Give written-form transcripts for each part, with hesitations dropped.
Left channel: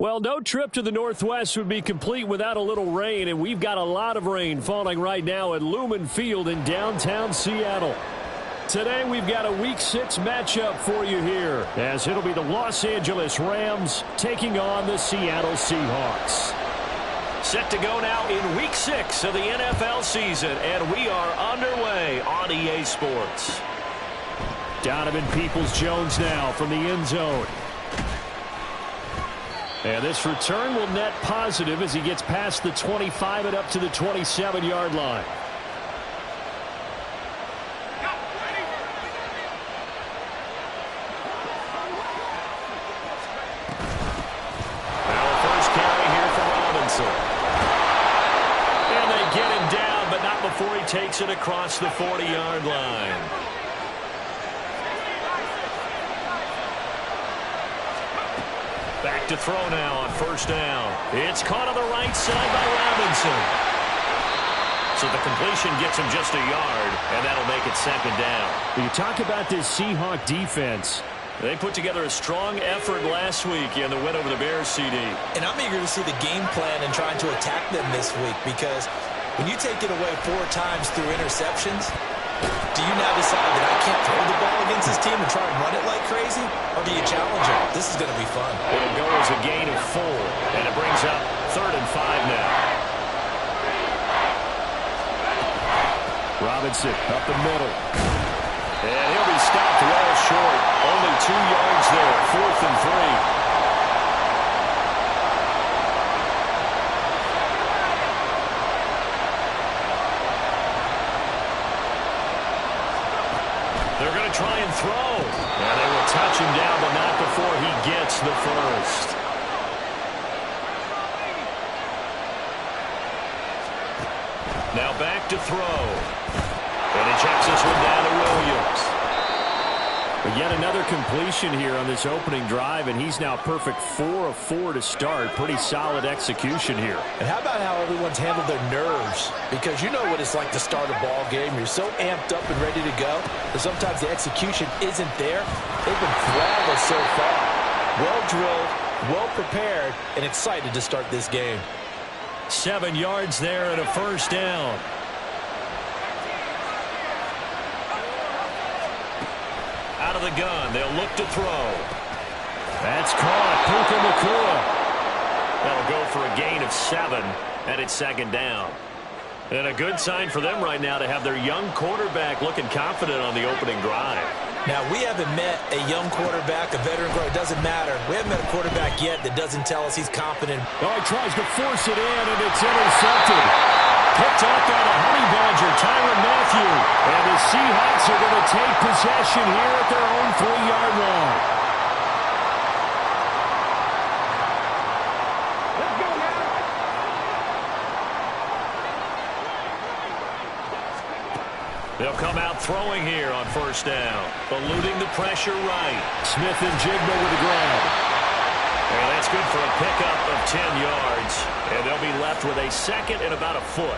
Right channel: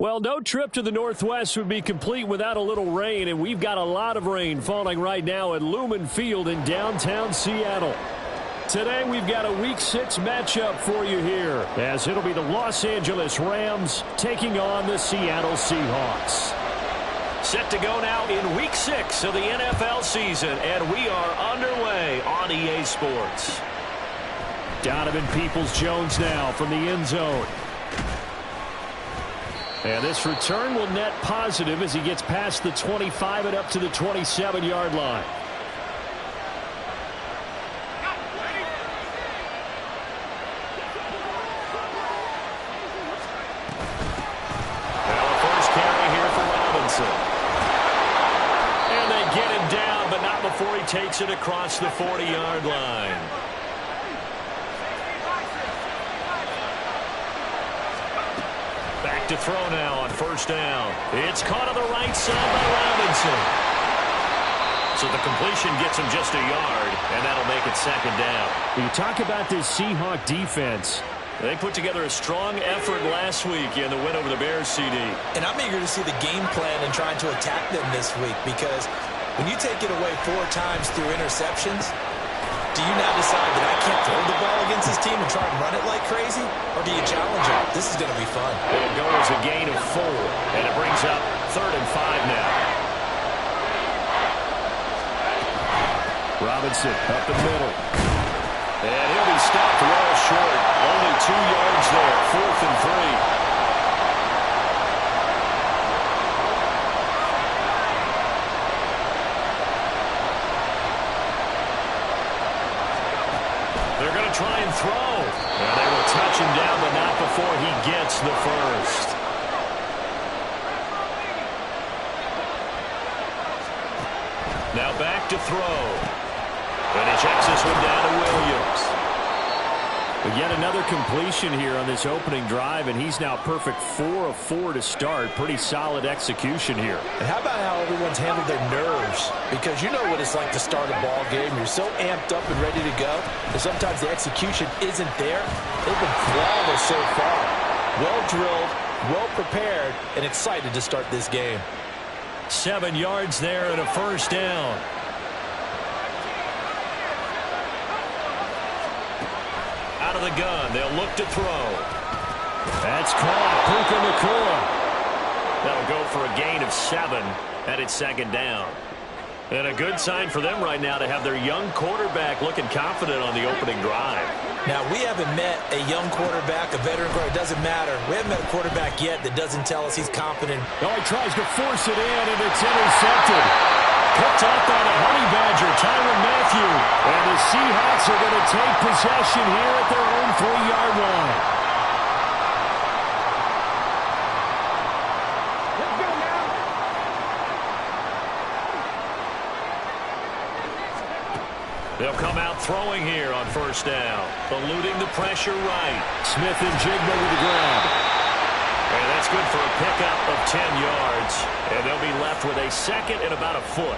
Well, no trip to the Northwest would be complete without a little rain, and we've got a lot of rain falling right now at Lumen Field in downtown Seattle. Today, we've got a Week 6 matchup for you here, as it'll be the Los Angeles Rams taking on the Seattle Seahawks. Set to go now in Week 6 of the NFL season, and we are underway on EA Sports. Donovan Peoples-Jones now from the end zone. And this return will net positive as he gets past the 25 and up to the 27-yard line. Well, the first carry here for Robinson. And they get him down, but not before he takes it across the 40-yard line. Back to throw now on first down. It's caught on the right side by Robinson. So the completion gets him just a yard, and that'll make it second down. You talk about this Seahawk defense. They put together a strong effort last week in the win over the Bears, CD. And I'm eager to see the game plan and trying to attack them this week, because when you take it away 4 times through interceptions, do you now decide that I can't throw the ball against this team and try and run it like crazy? Or do you challenge it? This is going to be fun. It'll go as a gain of 4, and it brings up 3rd and 5 now. Robinson up the middle. And he'll be stopped well short. Only 2 yards there, 4th and 3. They're going to try and throw. And they will touch him down, but not before he gets the first. Now back to throw. And he checks this one down to Williams. But yet another completion here on this opening drive, and he's now perfect 4 of 4 to start. Pretty solid execution here. And how about how everyone's handled their nerves? Because you know what it's like to start a ball game. You're so amped up and ready to go that sometimes the execution isn't there. They've been flawless so far. Well drilled, well prepared, and excited to start this game. 7 yards there and a first down. Out of the gun, they'll look to throw. That's caught. Puka Nacua. That'll go for a gain of 7, and it's second down. And a good sign for them right now to have their young quarterback looking confident on the opening drive. Now, we haven't met a young quarterback, a veteran quarterback. It doesn't matter. We haven't met a quarterback yet that doesn't tell us he's confident. Oh, he tries to force it in, and it's intercepted. Picked off by the Honey Badger, Tyrann Mathieu. And the Seahawks are going to take possession here at their own 3-yard line. Let's go now. They'll come out throwing here on first down. Eluding the pressure right. Smith and Jigma with the grab. And that's good for a pickup of 10 yards. And they'll be left with a second and about a foot.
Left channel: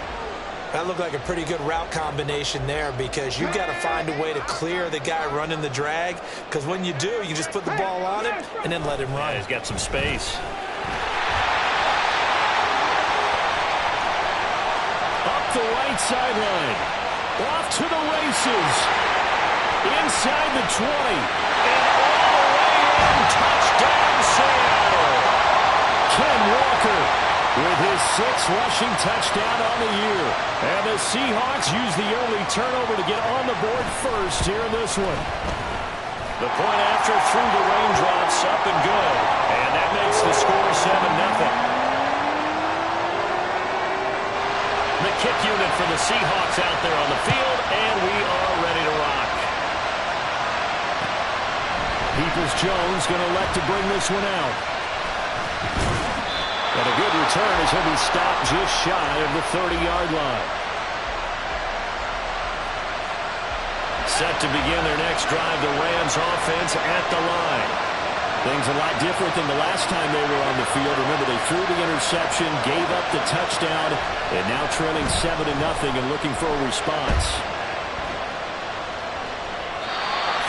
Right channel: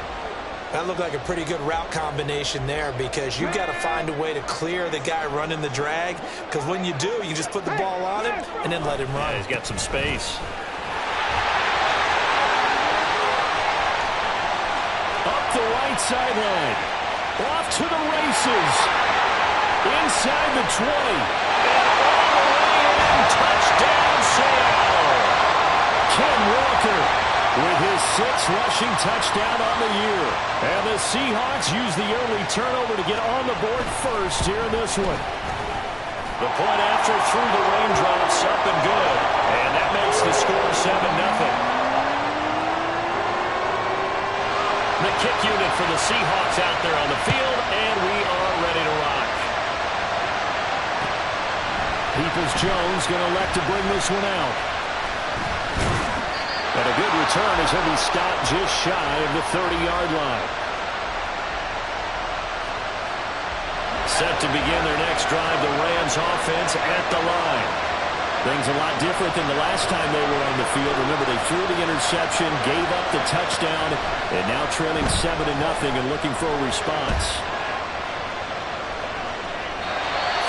That looked like a pretty good route combination there, because you've got to find a way to clear the guy running the drag. Because when you do, you just put the ball on him and then let him run. Yeah, he's got some space. Up the right sideline. Off to the races. Inside the 20. And all the way in. Touchdown, Seattle. Ken Walker with his 6th rushing touchdown on the year. And the Seahawks use the early turnover to get on the board first here in this one. The point after through the raindrops, up and good. And that makes the score 7-0. The kick unit for the Seahawks out there on the field, and we are ready to rock. Peoples-Jones going to elect to bring this one out. And a good return as he'll be stopped just shy of the 30-yard line. Set to begin their next drive, the Rams offense at the line. Things a lot different than the last time they were on the field. Remember, they threw the interception, gave up the touchdown, and now trailing 7-0 and looking for a response.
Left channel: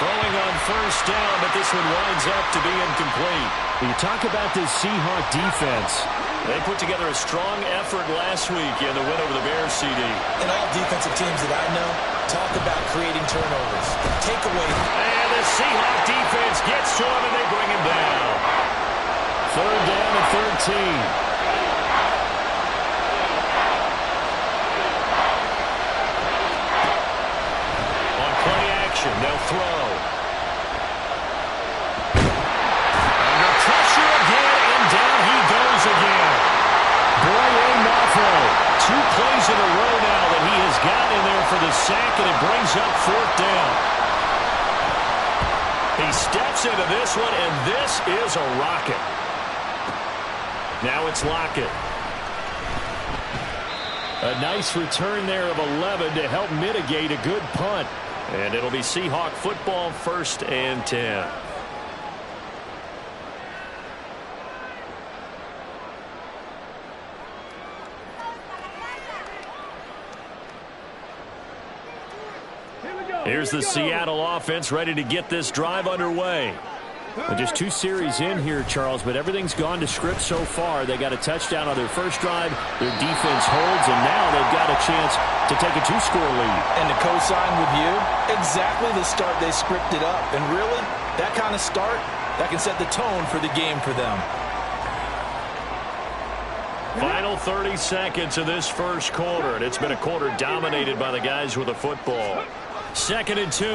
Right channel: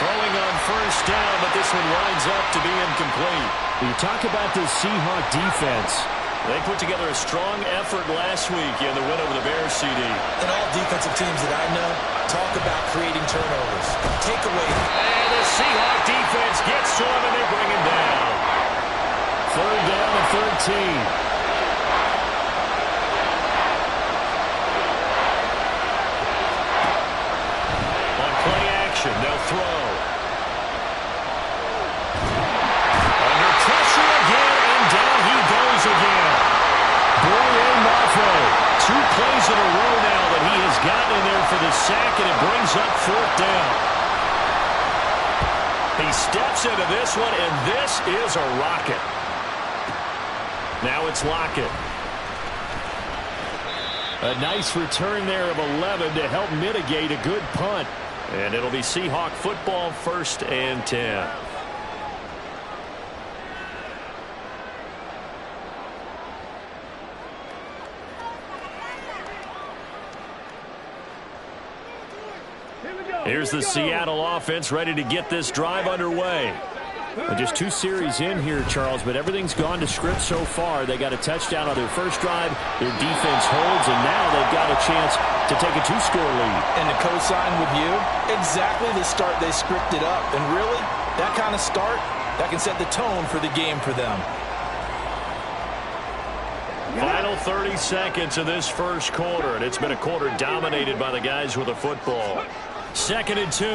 Throwing on first down, but this one winds up to be incomplete. You talk about this Seahawk defense. They put together a strong effort last week in the win over the Bears, CD. And all defensive teams that I know talk about creating turnovers. Take away. And the Seahawk defense gets to him, and they bring him down. Third down and 13. On play action, they'll throw. Under pressure again, and down he goes again. Boye Mafe, 2 plays in a row now that he has gotten in there for the sack, and it brings up fourth down. He steps into this one, and this is a rocket. Now it's Lockett. A nice return there of 11 to help mitigate a good punt. And it'll be Seahawk football, 1st and 10. Here's the Seattle offense ready to get this drive underway. Well, just 2 series in here, Charles, but everything's gone to script so far. They got a touchdown on their first drive. Their defense holds, and now they've got a chance to take a 2-score lead. And to co-sign with you, exactly the start they scripted up. And really, that kind of start, that can set the tone for the game for them. Final 30 seconds of this first quarter, and it's been a quarter dominated by the guys with the football. 2nd and 2.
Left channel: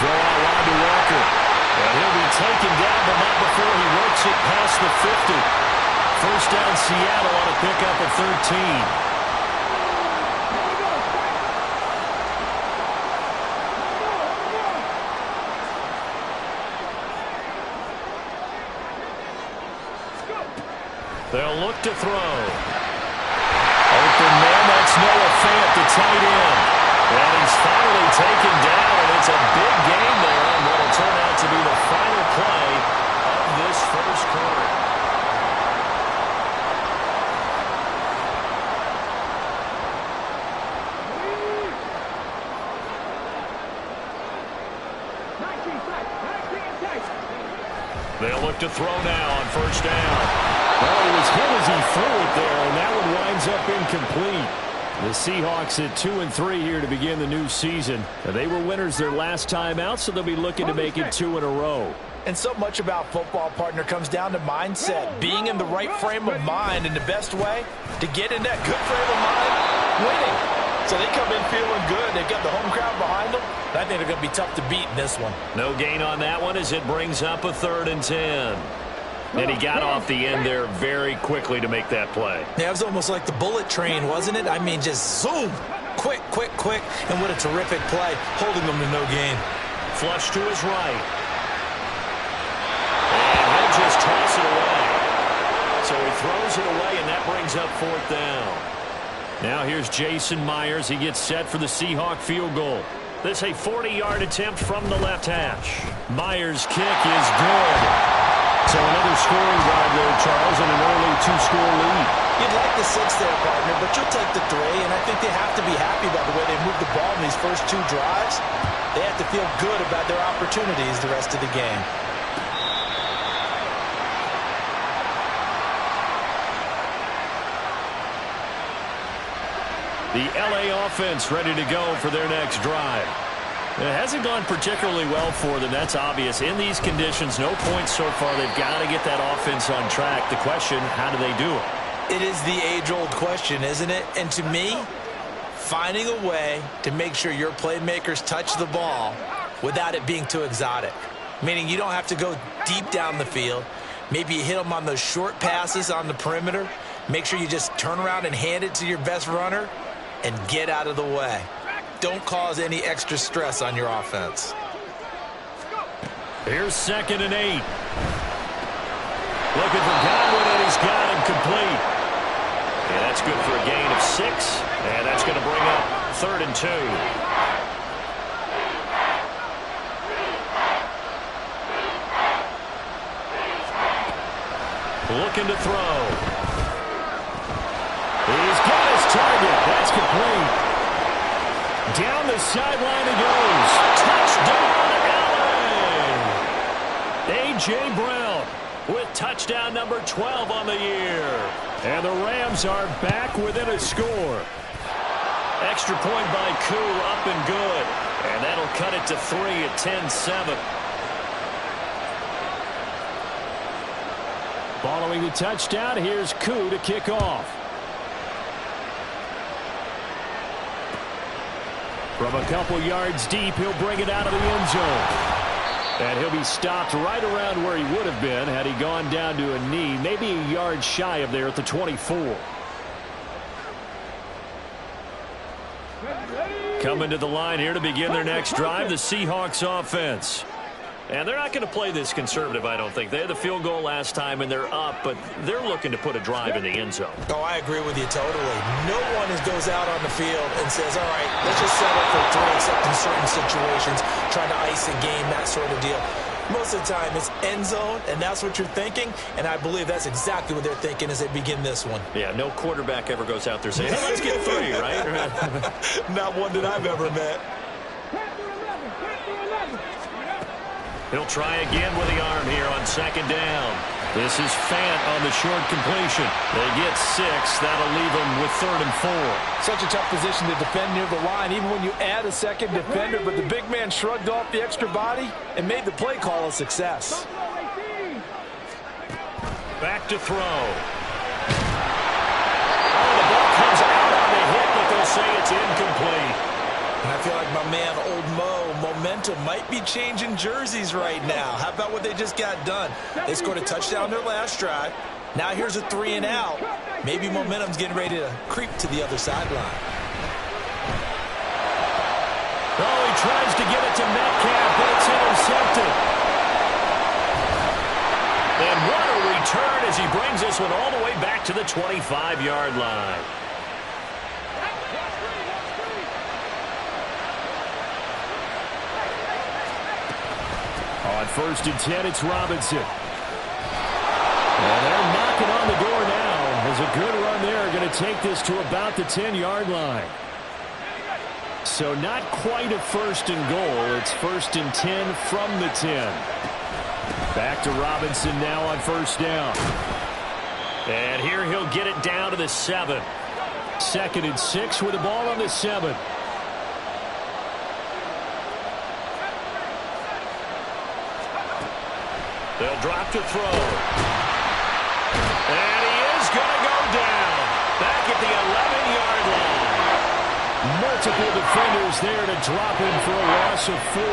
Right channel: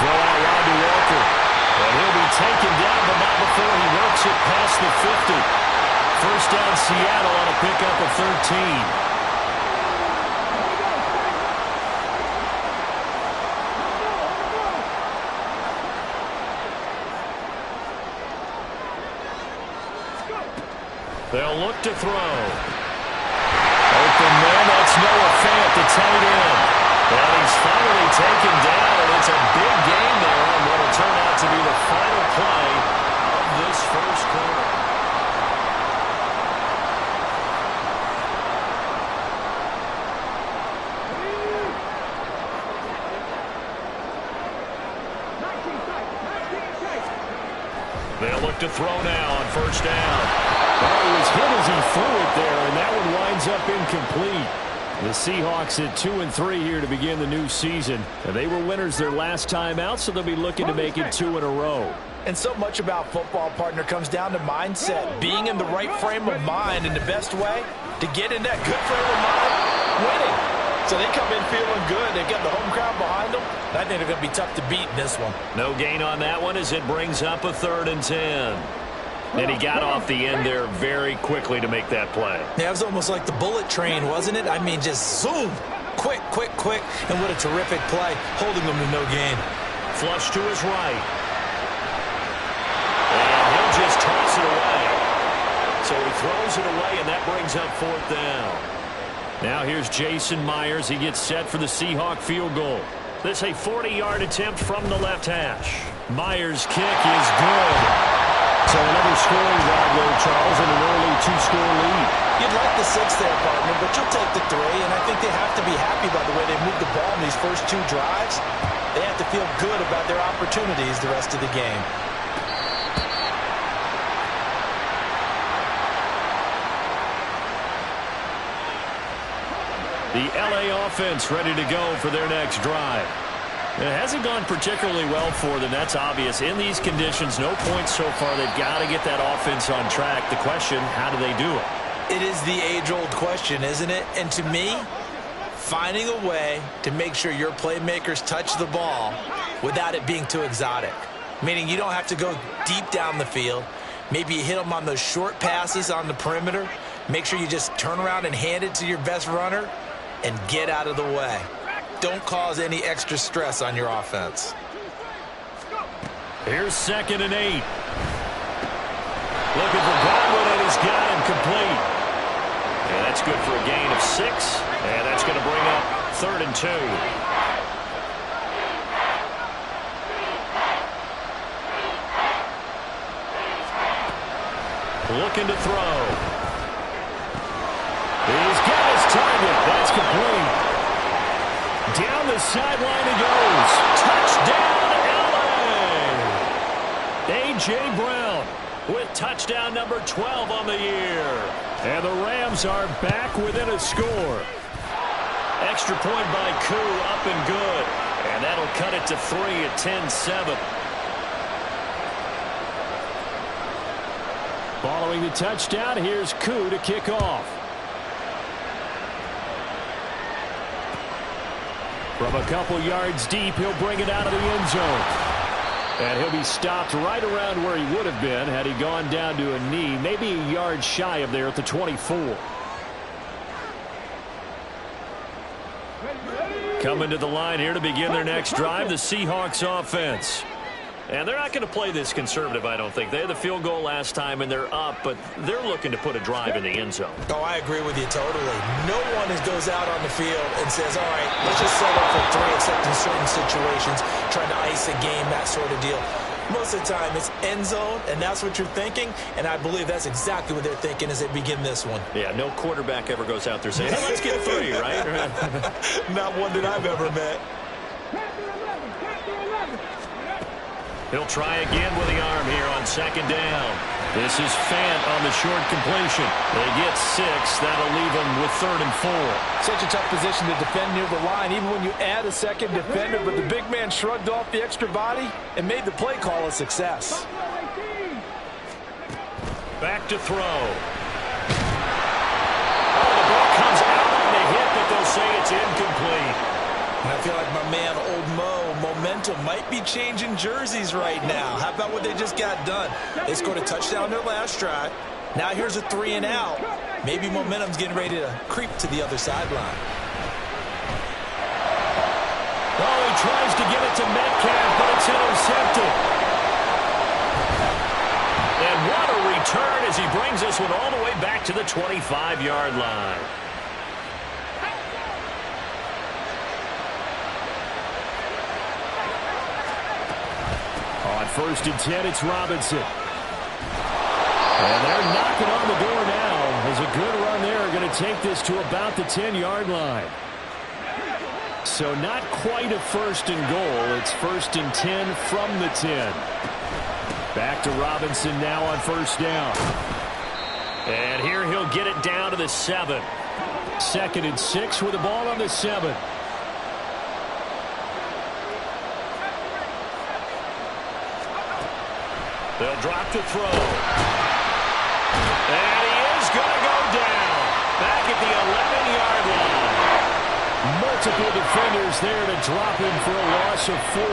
Throw out wide to Walker. And he'll be taken down, but not before he works it past the 50. First down, Seattle on a pickup of 13. They'll look to throw. Open man, that's Noah Fant, the tight end. And he's finally taken down, and it's a big game there on what will turn out to be the final play of this first quarter. They'll look to throw now on first down. Oh, he was hit as he threw it there, and that one winds up incomplete. The Seahawks at 2-3 here to begin the new season. They were winners their last time out, so they'll be looking to make it 2 in a row. And so much about football, partner, comes down to mindset. Being in the right frame of mind, and the best way to get in that good frame of mind, winning. So they come in feeling good. They've got the home crowd behind them. I think they're going to be tough to beat in this one. No gain on that one as it brings up a 3rd and 10. And he got off the end there very quickly to make that play. Yeah, it was almost like the bullet train, wasn't it? I mean, just zoom. Quick, quick, quick. And what a terrific play, holding them to no gain. Flush to his right. And he'll just toss it away. So he throws it away, and that brings up 4th down. Now here's Jason Myers. He gets set for the Seahawk field goal. This a 40-yard attempt from the left hash. Myers' kick is good. So another scoring drive there, Charles, and an early 2-score lead. You'd like the 6 there, partner, but you'll take the 3, and I think they have to be happy by the way they moved the ball in these first 2 drives. They have to feel good about their opportunities the rest of the game. The LA offense ready to go for their next drive. It hasn't gone particularly well for them. That's obvious. In these conditions, no points so far. They've got to get that offense on track. The question, how do they do it? It is the age-old question, isn't it? And to me, finding a way to make sure your playmakers touch the ball without it being too exotic. Meaning you don't have to go deep down the field. Maybe you hit them on those short passes on the perimeter. Make sure you just turn around and hand it to your best runner and get out of the way. Don't cause any extra stress on your offense. Here's 2nd and 8. Looking for Godwin, and he's got him complete. And that's good for a gain of 6. And that's going to bring up 3rd and 2. Looking to throw. He's got his target. That's complete. Down the sideline he goes. Touchdown, L.A. A.J. Brown with touchdown number 12 on the year. And the Rams are back within a score. Extra point by Koo, up and good. And that'll cut it to 3 at 10-7. Following the touchdown, here's Koo to kick off. From a couple yards deep, he'll bring it out of the end zone. And he'll be stopped right around where he would have been had he gone down to a knee, maybe a yard shy of there at the 24. Coming to the line here to begin their next drive, the Seahawks offense. And they're not going to play this conservative, I don't think. They had the field goal last time, and they're up, but they're looking to put a drive in the end zone. Oh, I agree with you totally. No one goes out on the field and says, all right, let's just settle for 3, except in certain situations, trying to ice a game, that sort of deal. Most of the time, it's end zone, and that's what you're thinking, and I believe that's exactly what they're thinking as they begin this one. Yeah, no quarterback ever goes out there saying, hey, let's get 3, right? Not one that I've ever met. He'll try again with the arm here on second down. This is Fant on the short completion. They get 6. That'll leave them with 3rd and 4. Such a tough position to defend near the line, even when you add a second defender, but the big man shrugged off the extra body and made the play call a success. Back to throw. Oh, the ball comes out on the hit, but they'll say it's incomplete. And I feel like my man, Old Mo, momentum might be changing jerseys right now. How about what they just got done? They scored a touchdown their last drive. Now here's a 3 and out. Maybe momentum's getting ready to creep to the other sideline. Oh, he tries to get it to Metcalf, but it's intercepted. And what a return as he brings this one all the way back to the 25-yard line. On 1st and 10, it's Robinson. And they're knocking on the door now. As a good run there, going to take this to about the 10-yard line. So not quite a 1st and goal. It's 1st and 10 from the 10. Back to Robinson now on 1st down. And here he'll get it down to the 7. 2nd and 6 with the ball on the 7. They'll drop to throw. And he is going to go down. Back at the 11-yard line. Multiple defenders there to drop him for a loss of 4.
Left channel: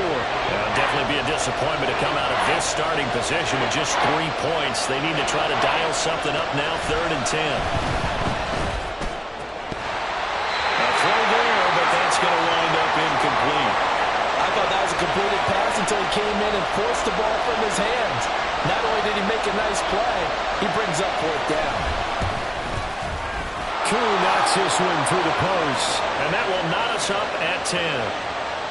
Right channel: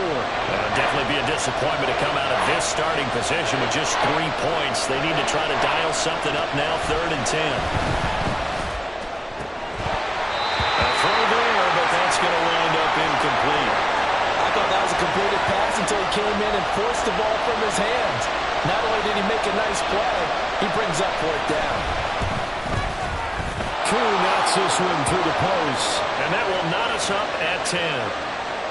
That'll definitely be a disappointment to come out of this starting position with just 3 points. They need to try to dial something up now, 3rd and 10. A throw there, but that's going to wind up incomplete. I thought that was a completed pass until he came in and forced the ball from his hands. Not only did he make a nice play, he brings up 4th down. Koo knocks this one through the post, and that will knot us up at 10.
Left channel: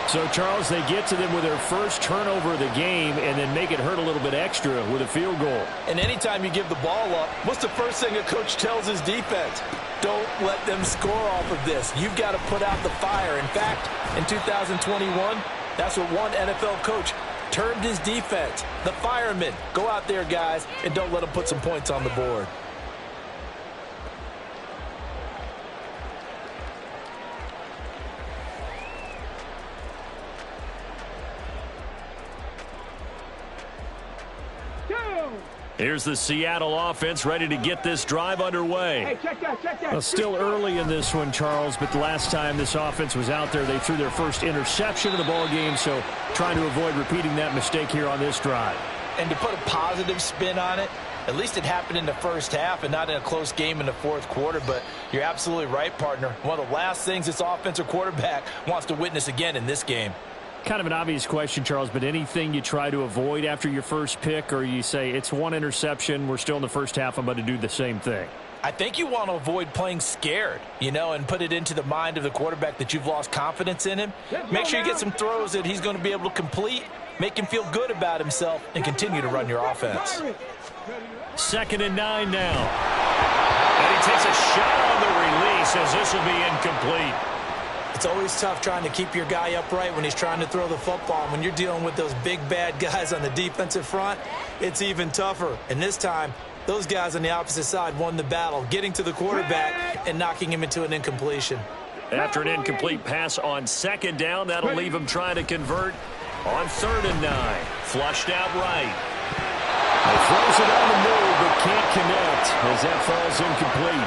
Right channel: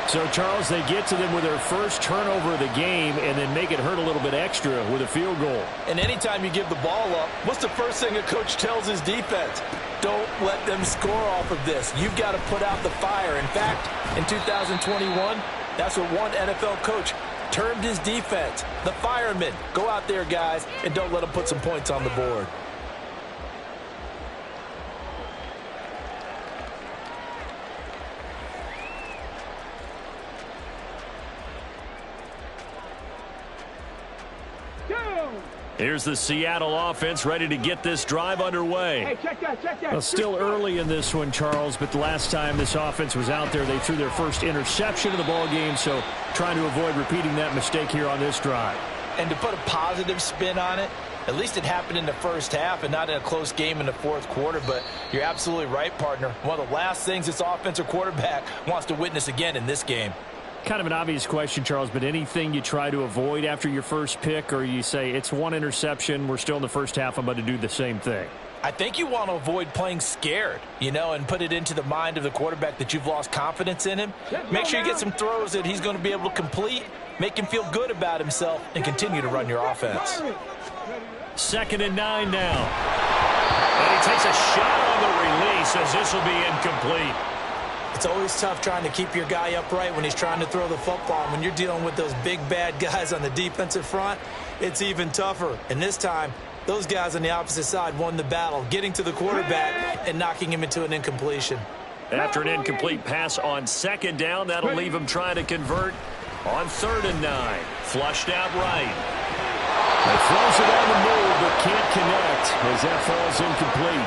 So, Charles, they get to them with their first turnover of the game and then make it hurt a little bit extra with a field goal. And anytime you give the ball up, what's the first thing a coach tells his defense? Don't let them score off of this. You've got to put out the fire. In fact, in 2021, that's what one NFL coach termed his defense, the firemen. Go out there, guys, and don't let them put some points on the board. Here's the Seattle offense ready to get this drive underway. Hey, check that. Well, still early in this one, Charles, but the last time this offense was out there, they threw their first interception of the ball game, so trying to avoid repeating that mistake here on this drive. And to put a positive spin on it, at least it happened in the first half and not in a close game in the 4th quarter, but you're absolutely right, partner. One of the last things this offensive quarterback wants to witness again in this game. Kind of an obvious question, Charles, but anything you try to avoid after your first pick, or you say it's one interception, we're still in the first half, I'm about to do the same thing? I think you want to avoid playing scared, and put it into the mind of the quarterback that you've lost confidence in him. Make sure you get some throws that he's going to be able to complete, make him feel good about himself, and continue to run your offense. 2nd and 9 now. And he takes a shot on the release as this will be incomplete. It's always tough trying to keep your guy upright when he's trying to throw the football. And when you're dealing with those big, bad guys on the defensive front, it's even tougher. And this time, those guys on the opposite side won the battle, getting to the quarterback and knocking him into an incompletion. After an incomplete pass on second down, that'll leave him trying to convert on 3rd and 9. Flushed out right. He throws it on the move, but can't connect as that falls incomplete.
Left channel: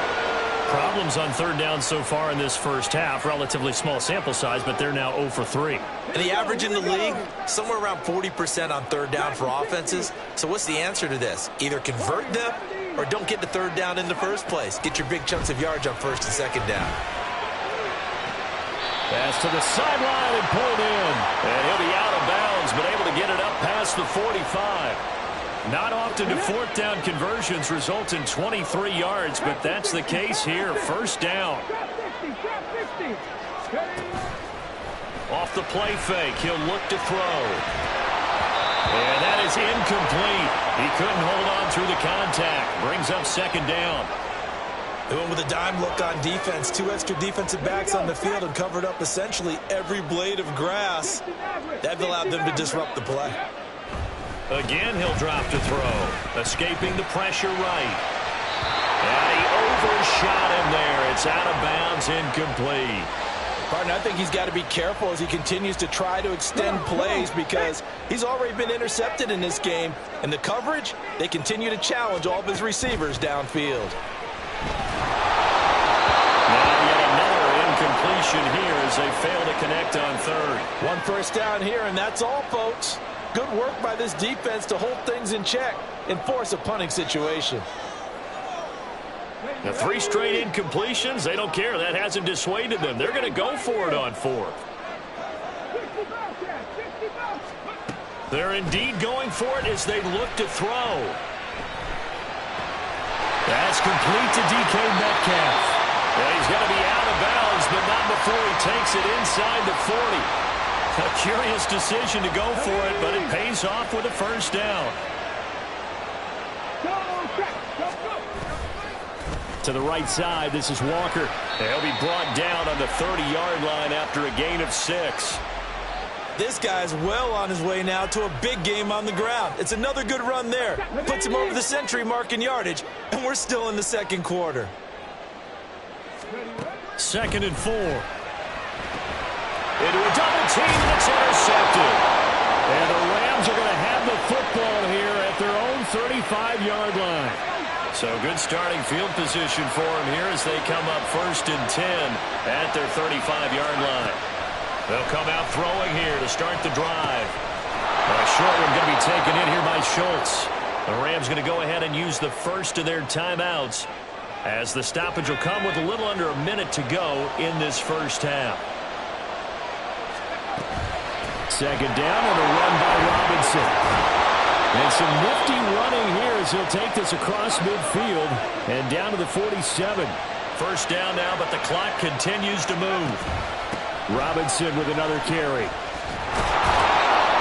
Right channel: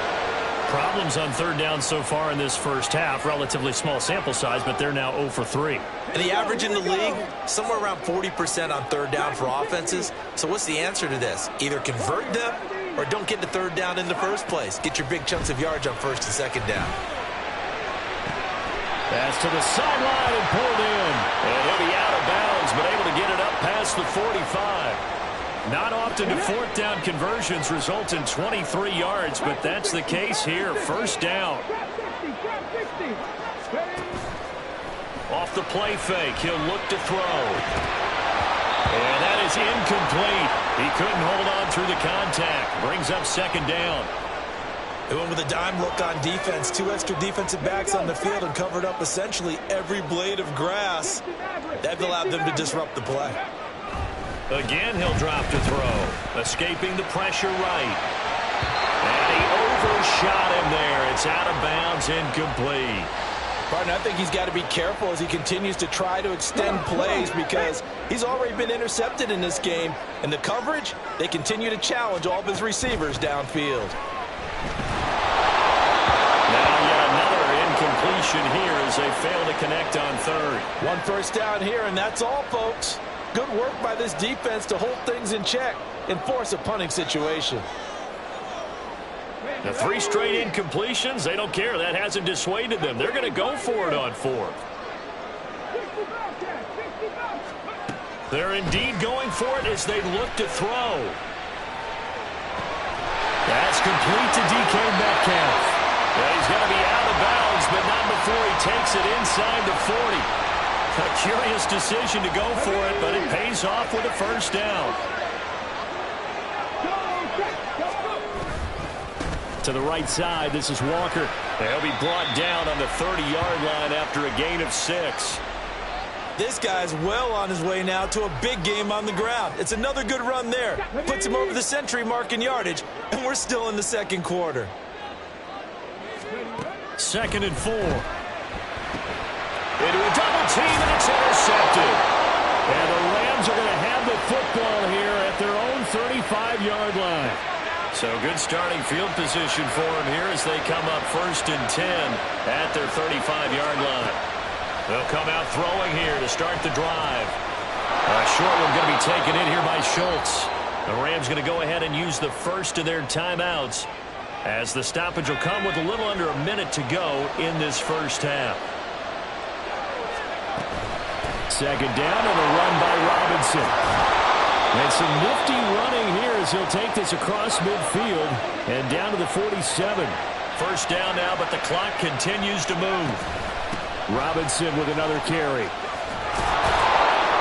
Problems on 3rd down so far in this first half. Relatively small sample size, but they're now 0 for 3. And the average in the league, somewhere around 40% on 3rd down for offenses. So what's the answer to this? Either convert them or don't get the 3rd down in the first place. Get your big chunks of yards on 1st and 2nd down. Pass to the sideline and pulled in. And he'll be out of bounds, but able to get it up past the 45. Not often do 4th down conversions result in 23 yards, but that's the case here. 1st down. Off the play fake, he'll look to throw. And that is incomplete. He couldn't hold on through the contact. Brings up 2nd down. They went with a dime look on defense. 2 extra defensive backs on the field and covered up essentially every blade of grass. That allowed them to disrupt the play. Again, he'll drop to throw. Escaping the pressure right. And he overshot him there. It's out of bounds, incomplete. Partner, I think he's got to be careful as he continues to try to extend plays because he's already been intercepted in this game. And the coverage, they continue to challenge all of his receivers downfield. Now yet another incompletion here as they fail to connect on 3rd. 1 1st down here, and that's all, folks. Good work by this defense to hold things in check and force a punting situation. The 3 straight incompletions, they don't care. That hasn't dissuaded them. They're going to go for it on 4th. They're indeed going for it as they look to throw. That's complete to DK Metcalf. Yeah, he's going to be out of bounds, but not before he takes it inside the 40. A curious decision to go for it, but it pays off with a 1st down. To the right side, this is Walker. He'll be brought down on the 30-yard line after a gain of 6. This guy's well on his way now to a big game on the ground. It's another good run there. Puts him over the century mark in yardage, and we're still in the 2nd quarter. 2nd and 4. Into a double team, and it's intercepted. And the Rams are going to have the football here at their own 35-yard line. So good starting field position for them here as they come up 1st and 10 at their 35-yard line. They'll come out throwing here to start the drive. A short one going to be taken in here by Schultz. The Rams going to go ahead and use the first of their timeouts as the stoppage will come with a little under a minute to go in this first half. 2nd down and a run by Robinson. And some nifty running here as he'll take this across midfield and down to the 47. 1st down now, but the clock continues to move. Robinson with another carry.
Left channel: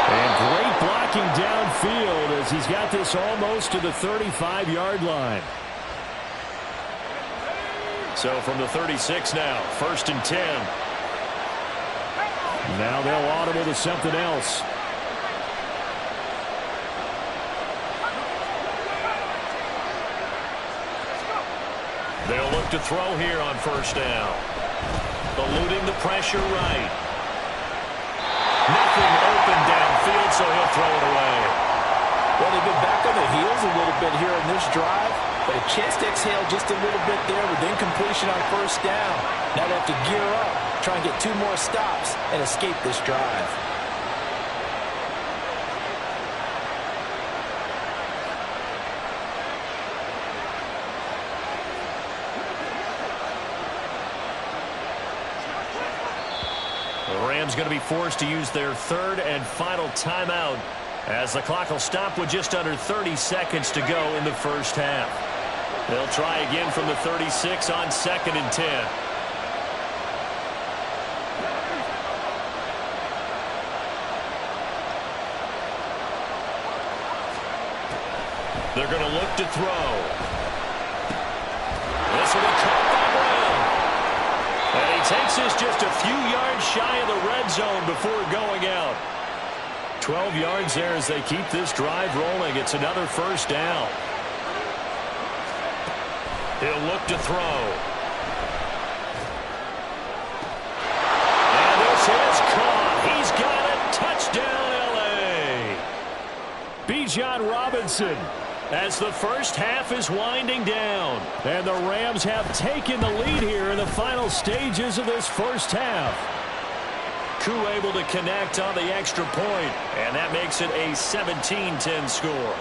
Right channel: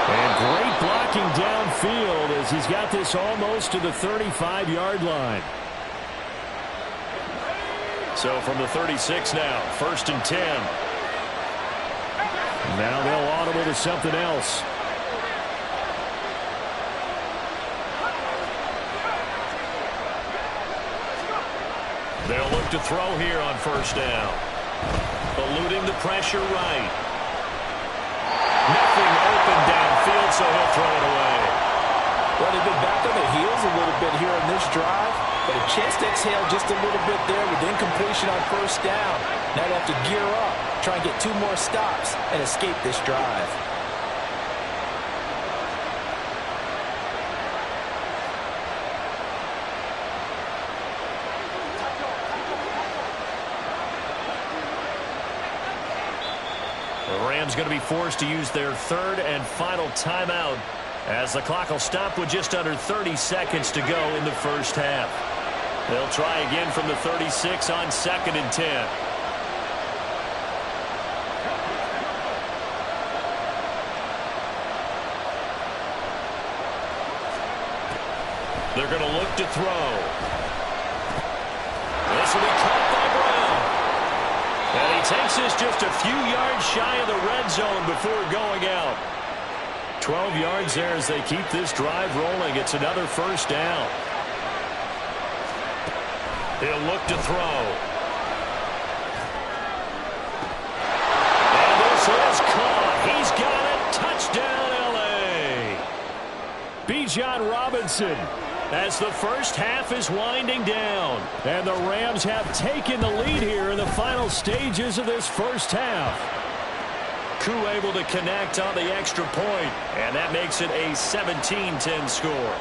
And great blocking downfield as he's got this almost to the 35-yard line. So from the 36 now, 1st and 10. Now they'll audible to something else. They'll look to throw here on 1st down. Eluding the pressure right. Nothing open downfield, so he'll throw it away. Well, they've been back on their heels a little bit here in this drive, but a chance to exhale just a little bit there with incompletion on 1st down. Now they have to gear up, try and get 2 more stops, and escape this drive. The Rams going to be forced to use their 3rd and final timeout as the clock will stop with just under 30 seconds to go in the first half. They'll try again from the 36 on 2nd and 10. They're going to look to throw. This will be caught by Brown. And he takes this just a few yards shy of the red zone before going out. 12 yards there as they keep this drive rolling. It's another first down. He'll look to throw. And this is caught. He's got it. Touchdown, L.A. Bijan Robinson, as the first half is winding down. And the Rams have taken the lead here in the final stages of this first half. Koo able to connect on the extra point, and that makes it a 17-10 score.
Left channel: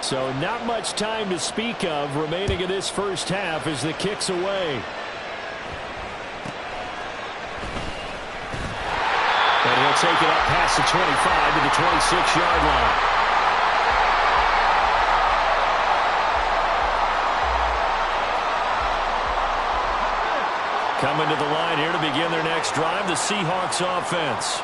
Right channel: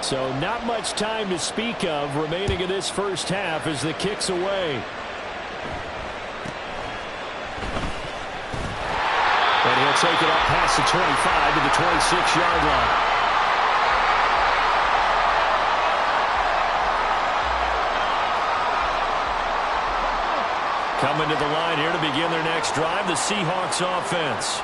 So not much time to speak of remaining in this first half as the kick's away. And he'll take it up past the 25 to the 26-yard line. Coming to the line here to begin their next drive, the Seahawks offense.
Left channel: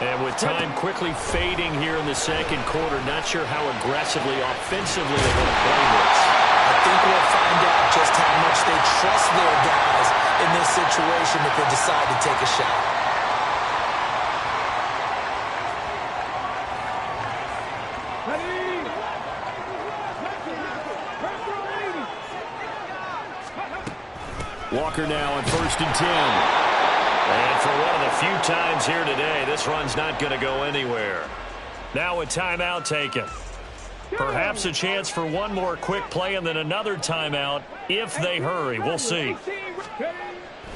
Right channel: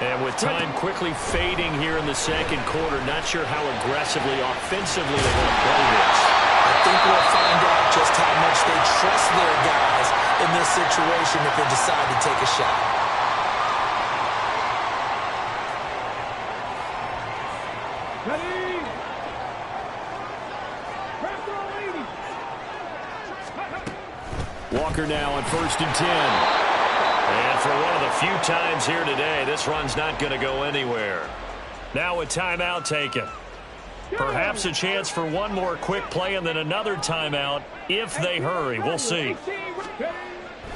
And with time quickly fading here in the second quarter, not sure how aggressively, offensively they want to play this. I think we'll find out just how much they trust their guys in this situation if they decide to take a shot. Ready? Walker now on 1st and 10. And for one of the few times here today, this run's not going to go anywhere. Now a timeout taken. Perhaps a chance for one more quick play and then another timeout if they hurry. We'll see.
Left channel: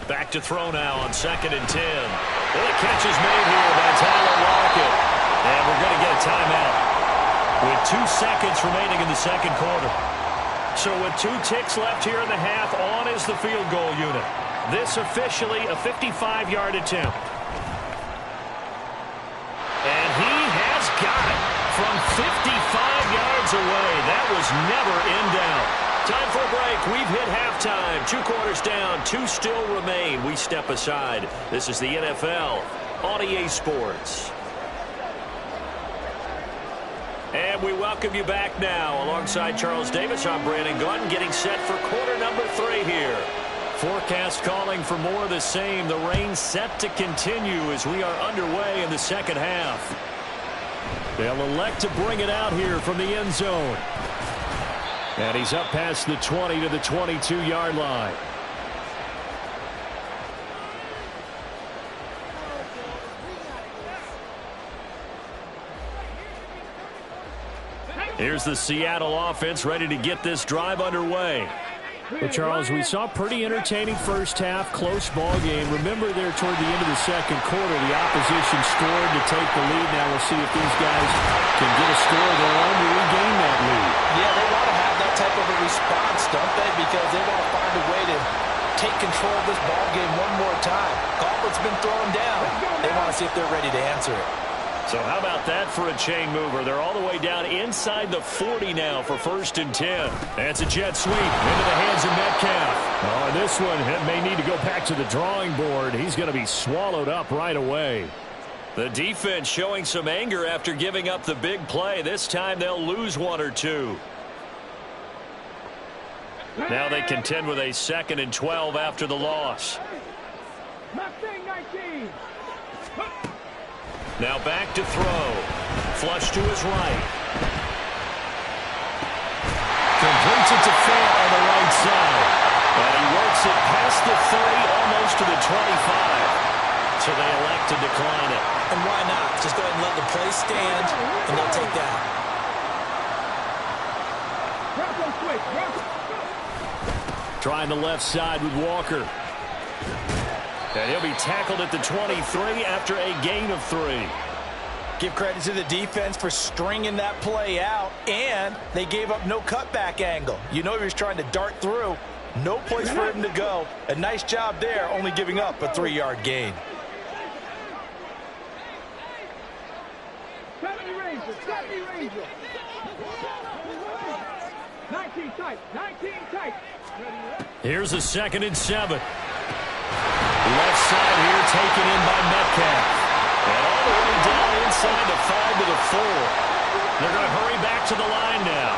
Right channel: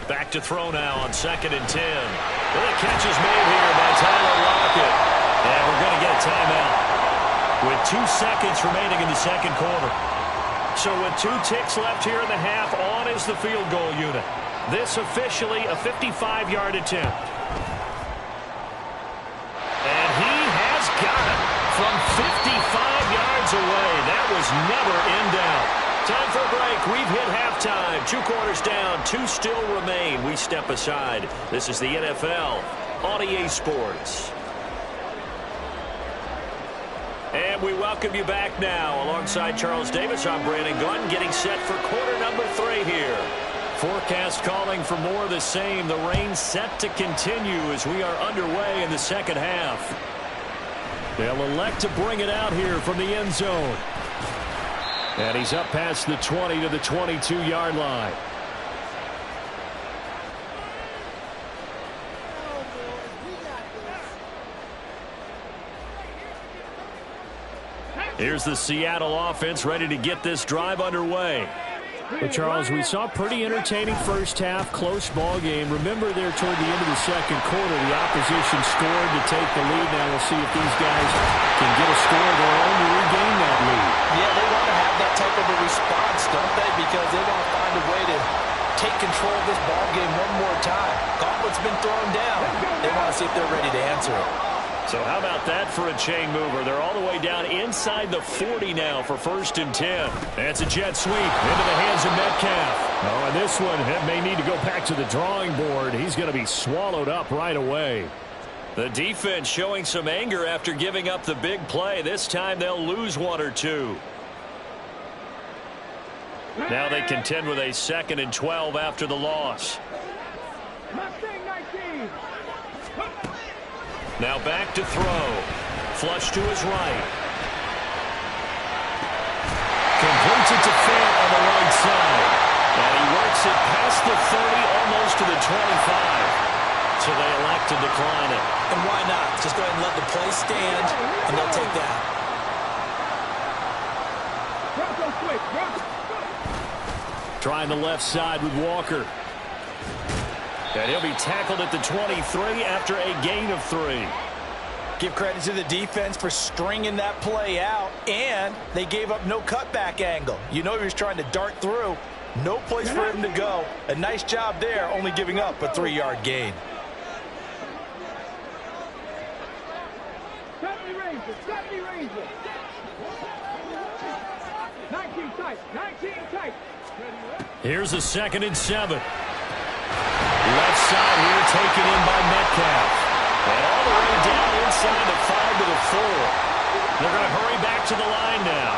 Back to throw now on 2nd and 10. Well, the catch is made here by Tyler Lockett. And we're going to get a timeout with 2 seconds remaining in the second quarter. So with 2 ticks left here in the half, on is the field goal unit. This officially a 55-yard attempt. And he has got it from 55 yards away. That was never in doubt. Time for a break. We've hit halftime. 2 quarters down, 2 still remain. We step aside. This is the NFL on EA Sports. And we welcome you back now. Alongside Charles Davis, I'm Brandon Gunn, getting set for quarter number 3 here. Forecast calling for more of the same. The rain set to continue as we are underway in the second half. They'll elect to bring it out here from the end zone. And he's up past the 20 to the 22-yard line. Here's the Seattle offense ready to get this drive underway. Well, Charles, we saw a pretty entertaining first half, close ball game. Remember there toward the end of the second quarter, the opposition scored to take the lead. Now we'll see if these guys can get a score of their own to regain that lead. Yeah, they want to have that type of a response, don't they? Because they want to find a way to take control of this ball game one more time. Gauntlet's been thrown down. They want to see if they're ready to answer it. So how about that for a chain mover? They're all the way down inside the 40 now for 1st and 10. That's a jet sweep into the hands of Metcalf. Oh, and this one may need to go back to the drawing board. He's going to be swallowed up right away. The defense showing some anger after giving up the big play. This time they'll lose 1 or 2. Now they contend with a 2nd and 12 after the loss. Mustang 19. Now back to throw. Flush to his right. Completes it to Fant on the right side. And he works it past the 30, almost to the 25. So they elect to decline it. And why not? Just go ahead and let the play stand, and they'll take that. Trying the left side with Walker. And he'll be tackled at the 23 after a gain of 3. Give credit to the defense for stringing that play out, and they gave up no cutback angle. You know he was trying to dart through. No place for him to go. A nice job there, only giving up a 3-yard gain. 70 Rangers, 70 Rangers. 19 tight, 19 tight. Here's a 2nd and 7. Left side here taken in by Metcalf. And all the way down inside the 5 to the 4. They're going to hurry back to the line now.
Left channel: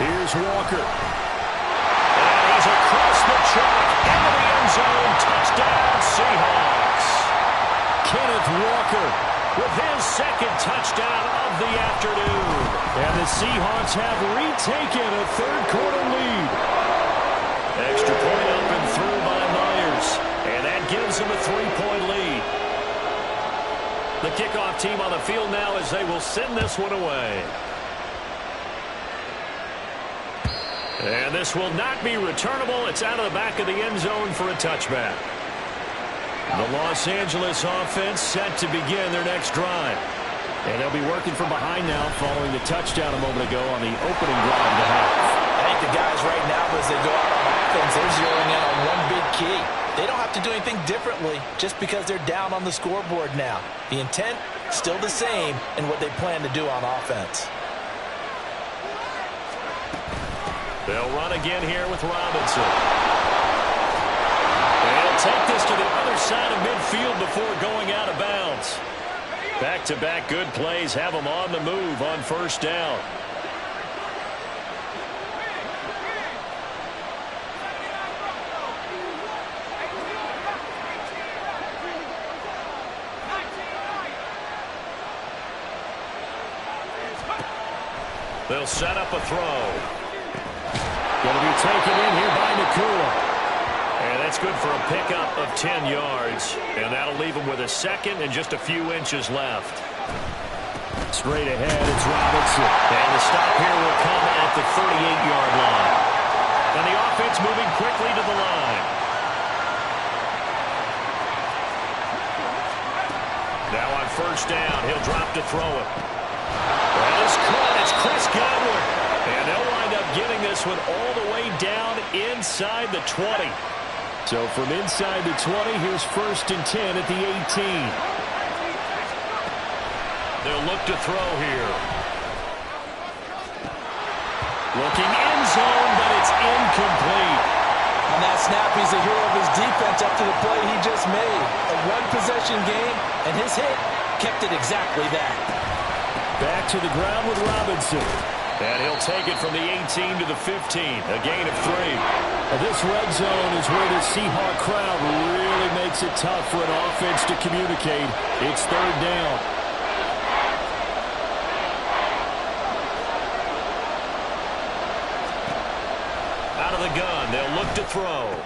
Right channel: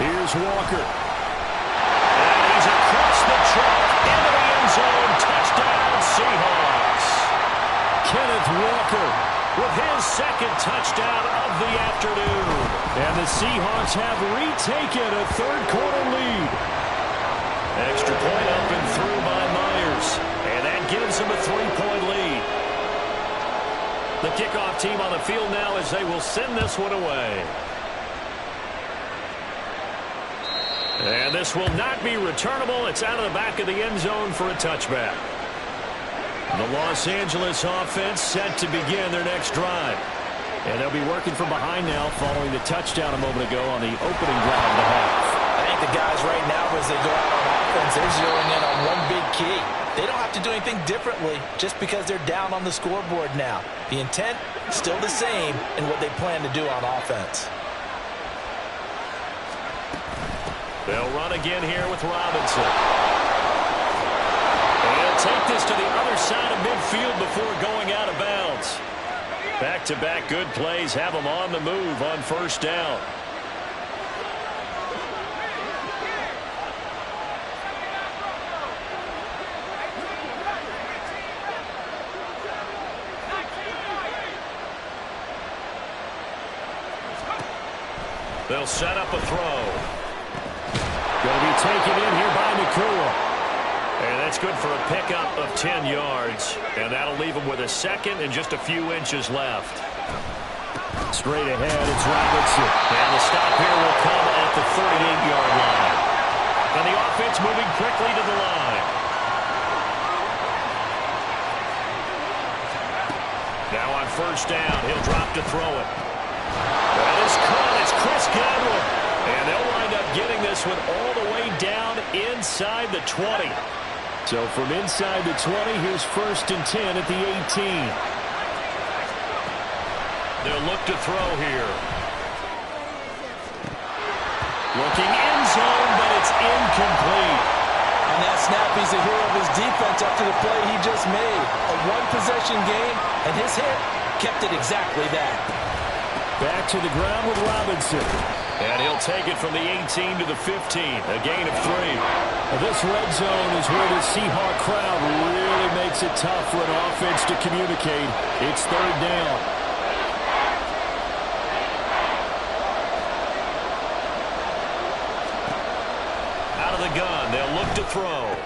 Here's Walker. And he He's across the chalk, into the end zone. Touchdown, Seahawks. Kenneth Walker with his second touchdown of the afternoon. And the Seahawks have retaken a third-quarter lead. Extra point up and through by Myers. And that gives them a 3-point lead. The kickoff team on the field now as they will send this one away. And this will not be returnable. It's out of the back of the end zone for a touchback. The Los Angeles offense set to begin their next drive. And they'll be working from behind now following the touchdown a moment ago on the opening drive of the half. I think the guys right now, as they go out on offense, they're zeroing in on one big key. They don't have to do anything differently just because they're down on the scoreboard now. The intent, still the same in what they plan to do on offense. They'll run again here with Robinson. And he'll take this to the other side of midfield before going out of bounds. Back-to-back good plays have them on the move on first down. They'll set up a throw. Going to be taken in here by Nakua. And that's good for a pickup of 10 yards. And that'll leave him with a second and just a few inches left. Straight ahead, it's Robinson. And the stop here will come at the 38-yard line. And the offense moving quickly to the line. Now on first down, he'll drop to throw it. That is caught. It's Chris Godwin. And they'll wind up getting this one all the way down inside the 20. So from inside the 20, here's 1st and 10 at the 18. They'll look to throw here. Looking end zone, but it's incomplete. On that snap, he's a hero of his defense after the play he just made. A one-possession game, and his hit kept it exactly that. Back to the ground with Robinson. And he'll take it from the 18 to the 15. A gain of 3. This red zone is where the Seahawk crowd really makes it tough for an offense to communicate. It's third down. Out of the gun, they'll look to throw.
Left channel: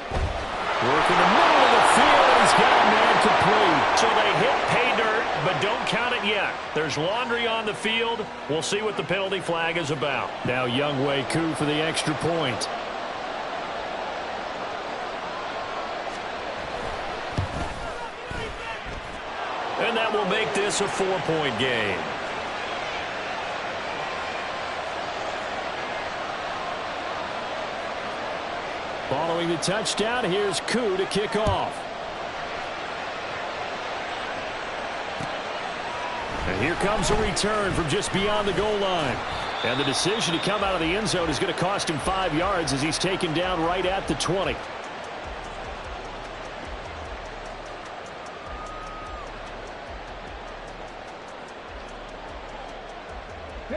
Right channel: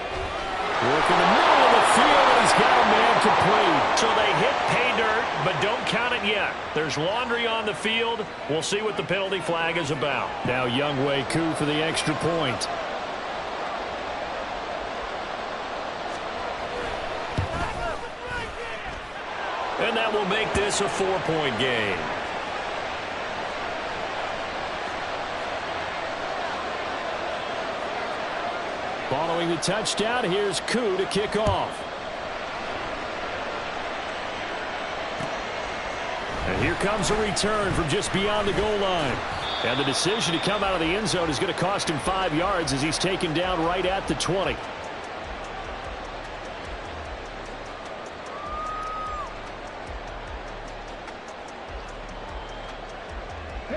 Work in the middle of the field, and he's got a man complete. So they hit pay dirt, but don't count it yet. There's laundry on the field. We'll see what the penalty flag is about. Now Younghoe Koo for the extra point. And that will make this a 4-point game. Following the touchdown, here's Koo to kick off. And here comes a return from just beyond the goal line. And the decision to come out of the end zone is going to cost him 5 yards as he's taken down right at the 20.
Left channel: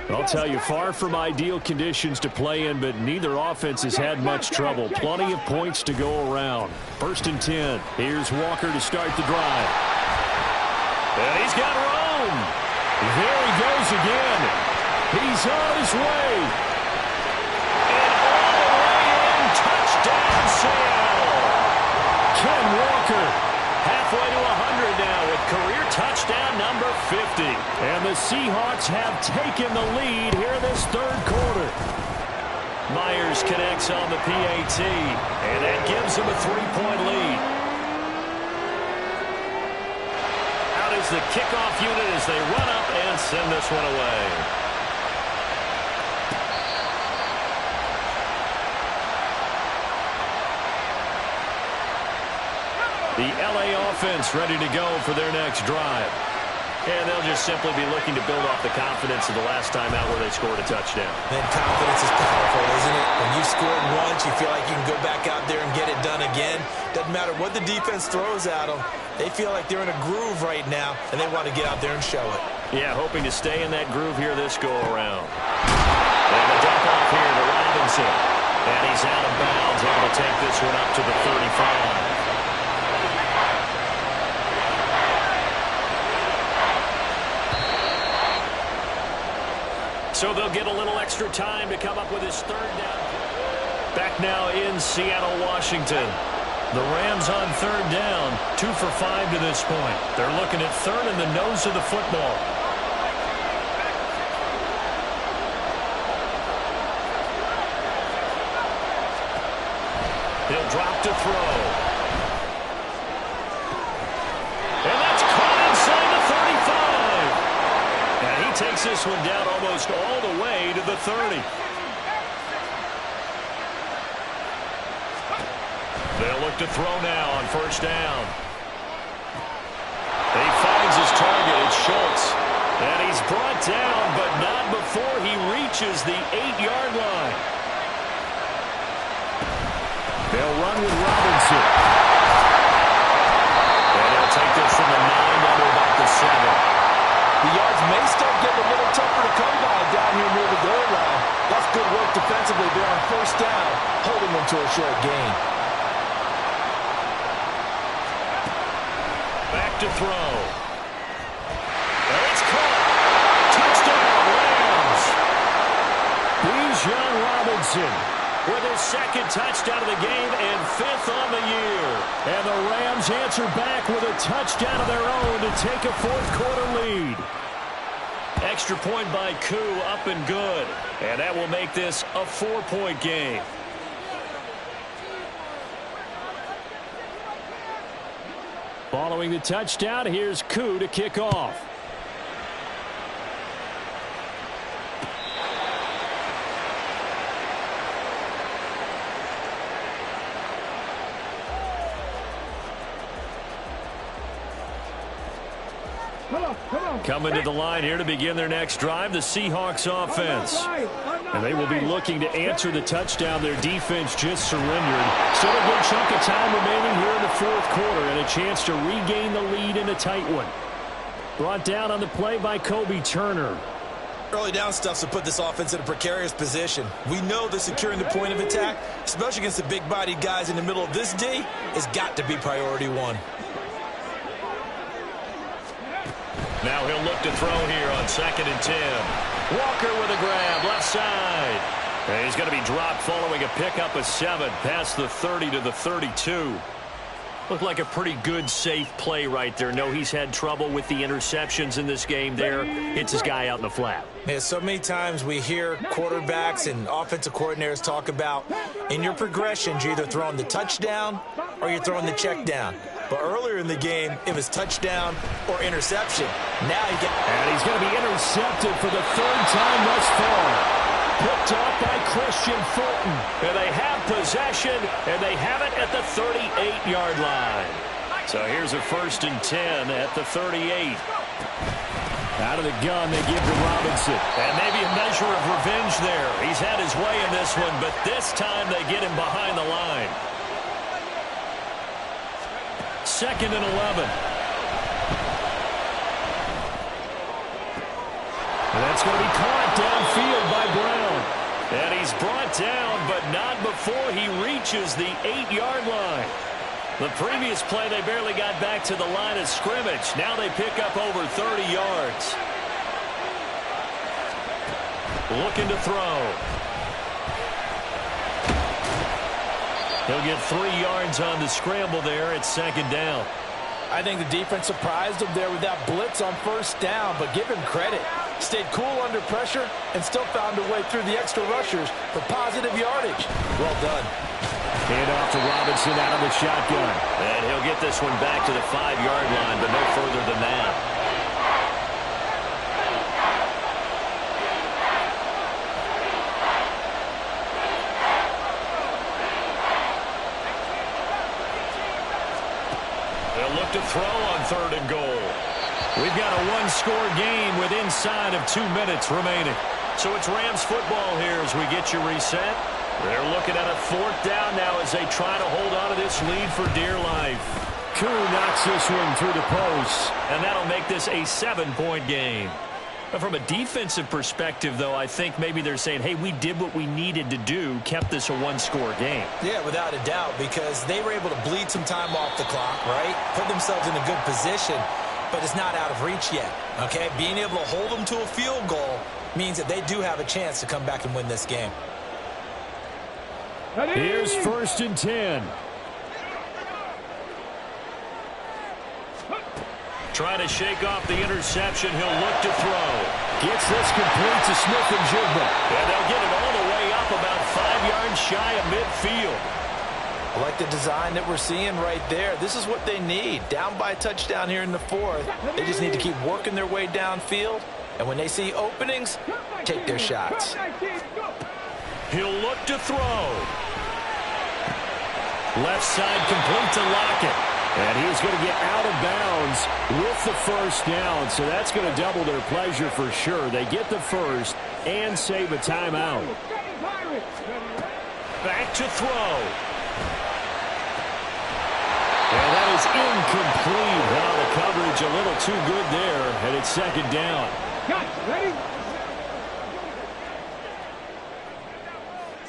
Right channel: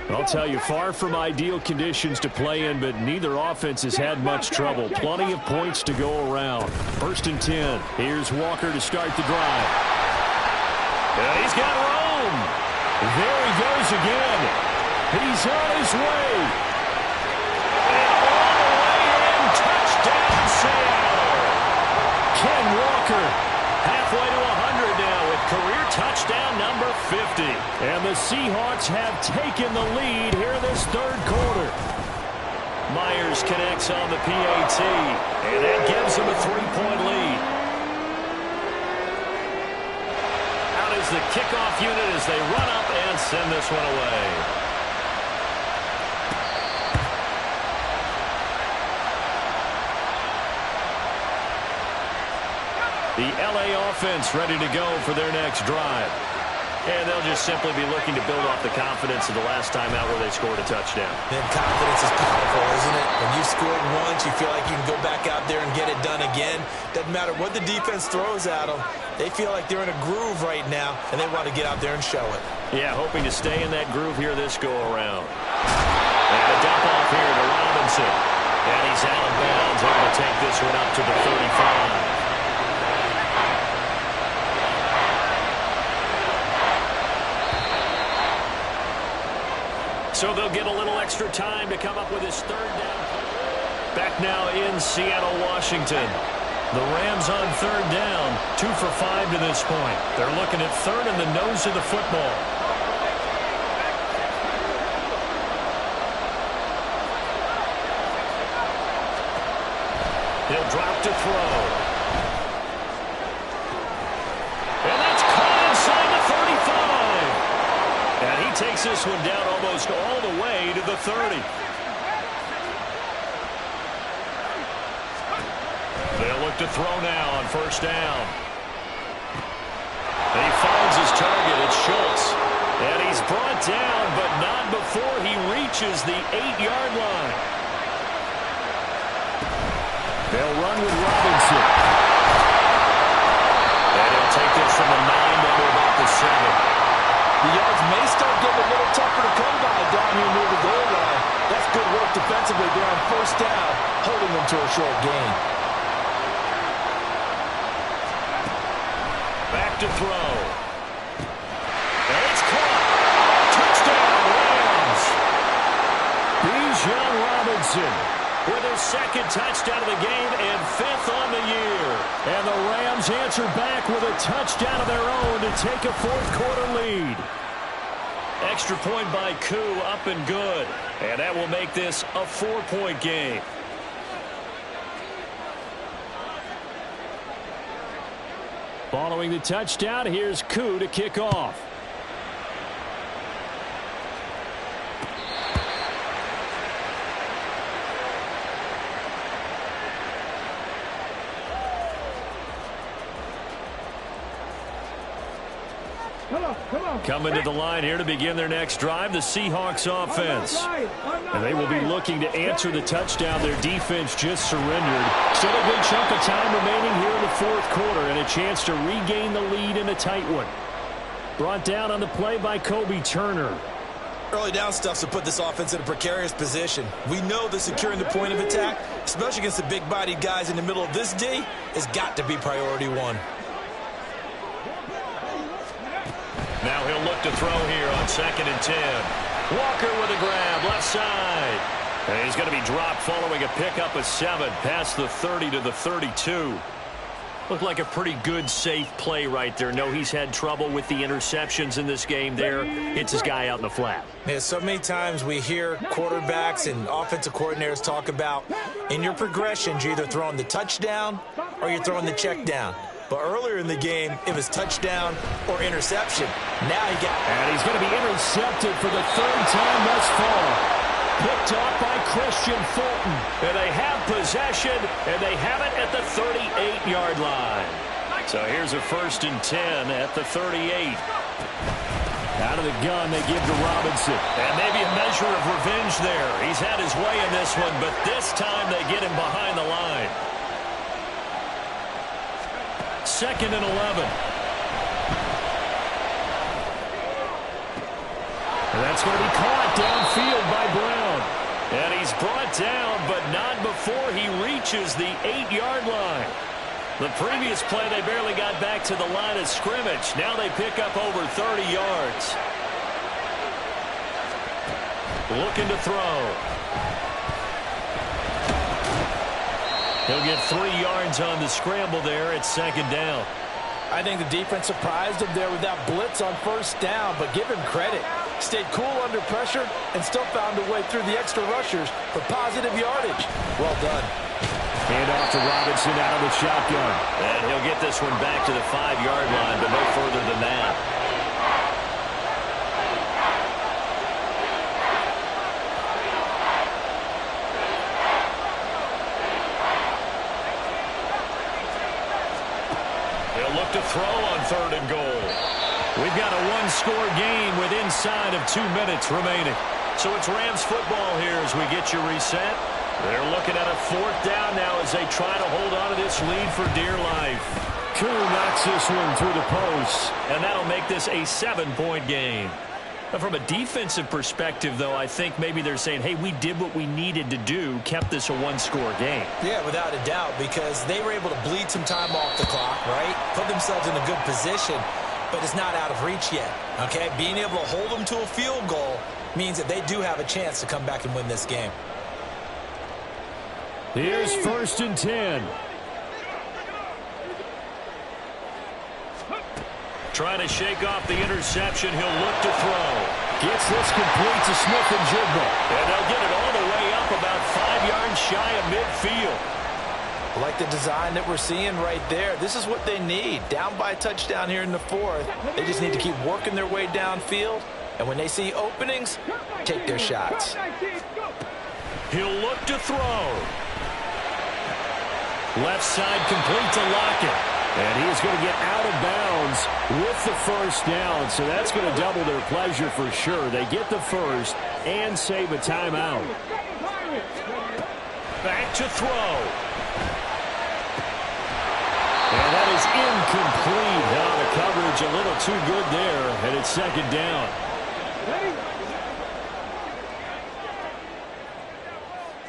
I'll tell you, far from ideal conditions to play in, but neither offense has had much trouble. Plenty of points to go around. 1st and 10. Here's Walker to start the drive. And he's got room. There he goes again. He's on his way. And all the way in. Touchdown, Seattle. Ken Walker halfway to 100 now with career touchdown number 50. And the Seahawks have taken the lead here in this third quarter. Myers connects on the PAT, and that gives them a 3-point lead. Out is the kickoff unit as they run up and send this one away. The LA offense ready to go for their next drive. And they'll just simply be looking to build off the confidence of the last time out where they scored a touchdown. Man, confidence is powerful, isn't it? When you've scored once, you feel like you can go back out there and get it done again. Doesn't matter what the defense throws at them. They feel like they're in a groove right now, and they want to get out there and show it. Yeah, hoping to stay in that groove here this go-around. And a dump off here to Robinson. And he's out of bounds, able to take this one up to the 35. So they'll get a little extra time to come up with his third down. Back now in Seattle, Washington. The Rams on third down, 2 for 5 to this point. They're looking at third in the nose of the football. He'll drop to throw. And that's caught inside the 35. And he takes this one down almost all the way to the 30. They'll look to throw now on first down. He finds his target. It's Schultz. And he's brought down, but not before he reaches the 8-yard line. They'll run with Robinson. And he'll take this from the 9 down to about the 7. The yards may start getting a little tougher to come by down here near the goal line. That's good work defensively there on first down, holding them to a short gain. Back to throw. And it's caught. Touchdown, Rams. Bijan Robinson with his second touchdown of the game and 5th on the year. And the Rams answer back with a touchdown of their own to take a fourth-quarter lead. Extra point by Koo, up and good. And that will make this a 4-point game. Following the touchdown, here's Koo to kick off. Coming to the line here to begin their next drive, the Seahawks offense. And they will be looking to answer the touchdown their defense just surrendered. Still a good chunk of time remaining here in the fourth quarter and a chance to regain the lead in a tight one. Brought down on the play by Kobe Turner. Early down stuff to put this offense in a precarious position. We know that securing the point of attack, especially against the big-bodied guys in the middle of this D, has got to be priority one. Now he'll look to throw here on 2nd and 10. Walker with a grab, left side. And he's going to be dropped following a pickup of 7 past the 30 to the 32. Looked like a pretty good, safe play right there. No, he's had trouble with the interceptions in this game there. Hits his guy out in the flat. Yeah, so many times we hear quarterbacks and offensive coordinators talk about in your progressions, you're either throwing the touchdown or you're throwing the check down. But earlier in the game, it was touchdown or interception. Now he gets... And he's going to be intercepted for the 3rd time thus far. Picked off by Christian Fulton. And they have possession, and they have it at the 38-yard line. So here's a 1st and 10 at the 38. Out of the gun, they give to Robinson. And maybe a measure of revenge there. He's had his way in this one, but this time they get him behind the line. 2nd and 11. And that's going to be caught downfield by Brown. And he's brought down, but not before he reaches the 8-yard line. The previous play, they barely got back to the line of scrimmage. Now they pick up over 30 yards. Looking to throw. He'll get 3 yards on the scramble there at 2nd down. I think the defense surprised him there with that blitz on first down, but give him credit. Stayed cool under pressure and still found a way through the extra rushers for positive yardage. Well done. Hand off to Robinson out of the shotgun. And he'll get this one back to the 5-yard line, but no further than that. They'll look to throw on 3rd and goal. We've got a one-score game with inside of 2 minutes remaining. So it's Rams football here as we get you reset. They're looking at a 4th down now as they try to hold on to this lead for dear life. Koo knocks this one through the post, and that'll make this a 7-point game. From a defensive perspective, though, I think maybe they're saying, hey, we did what we needed to do, kept this a one-score game. Yeah, without a doubt, because they were able to bleed some time off the clock, right? Put themselves in a good position, but it's not out of reach yet, okay? Being able to hold them to a field goal means that they do have a chance to come back and win this game. Here's 1st and 10. Trying to shake off the interception. He'll look to throw. Gets this complete to Smith and Jigba. And they'll get it all the way up about 5 yards shy of midfield. I like the design that we're seeing right there. This is what they need. Down by a touchdown here in the 4th. They just need to keep working their way downfield. And when they see openings, take their shots. He'll look to throw. Left side complete to Lockett. And he is going to get out of bounds with the 1st down. So that's going to double their pleasure for sure. They get the 1st and save a timeout. Back to throw. And that is incomplete. Now the coverage a little too good there. And it's 2nd down. Ready?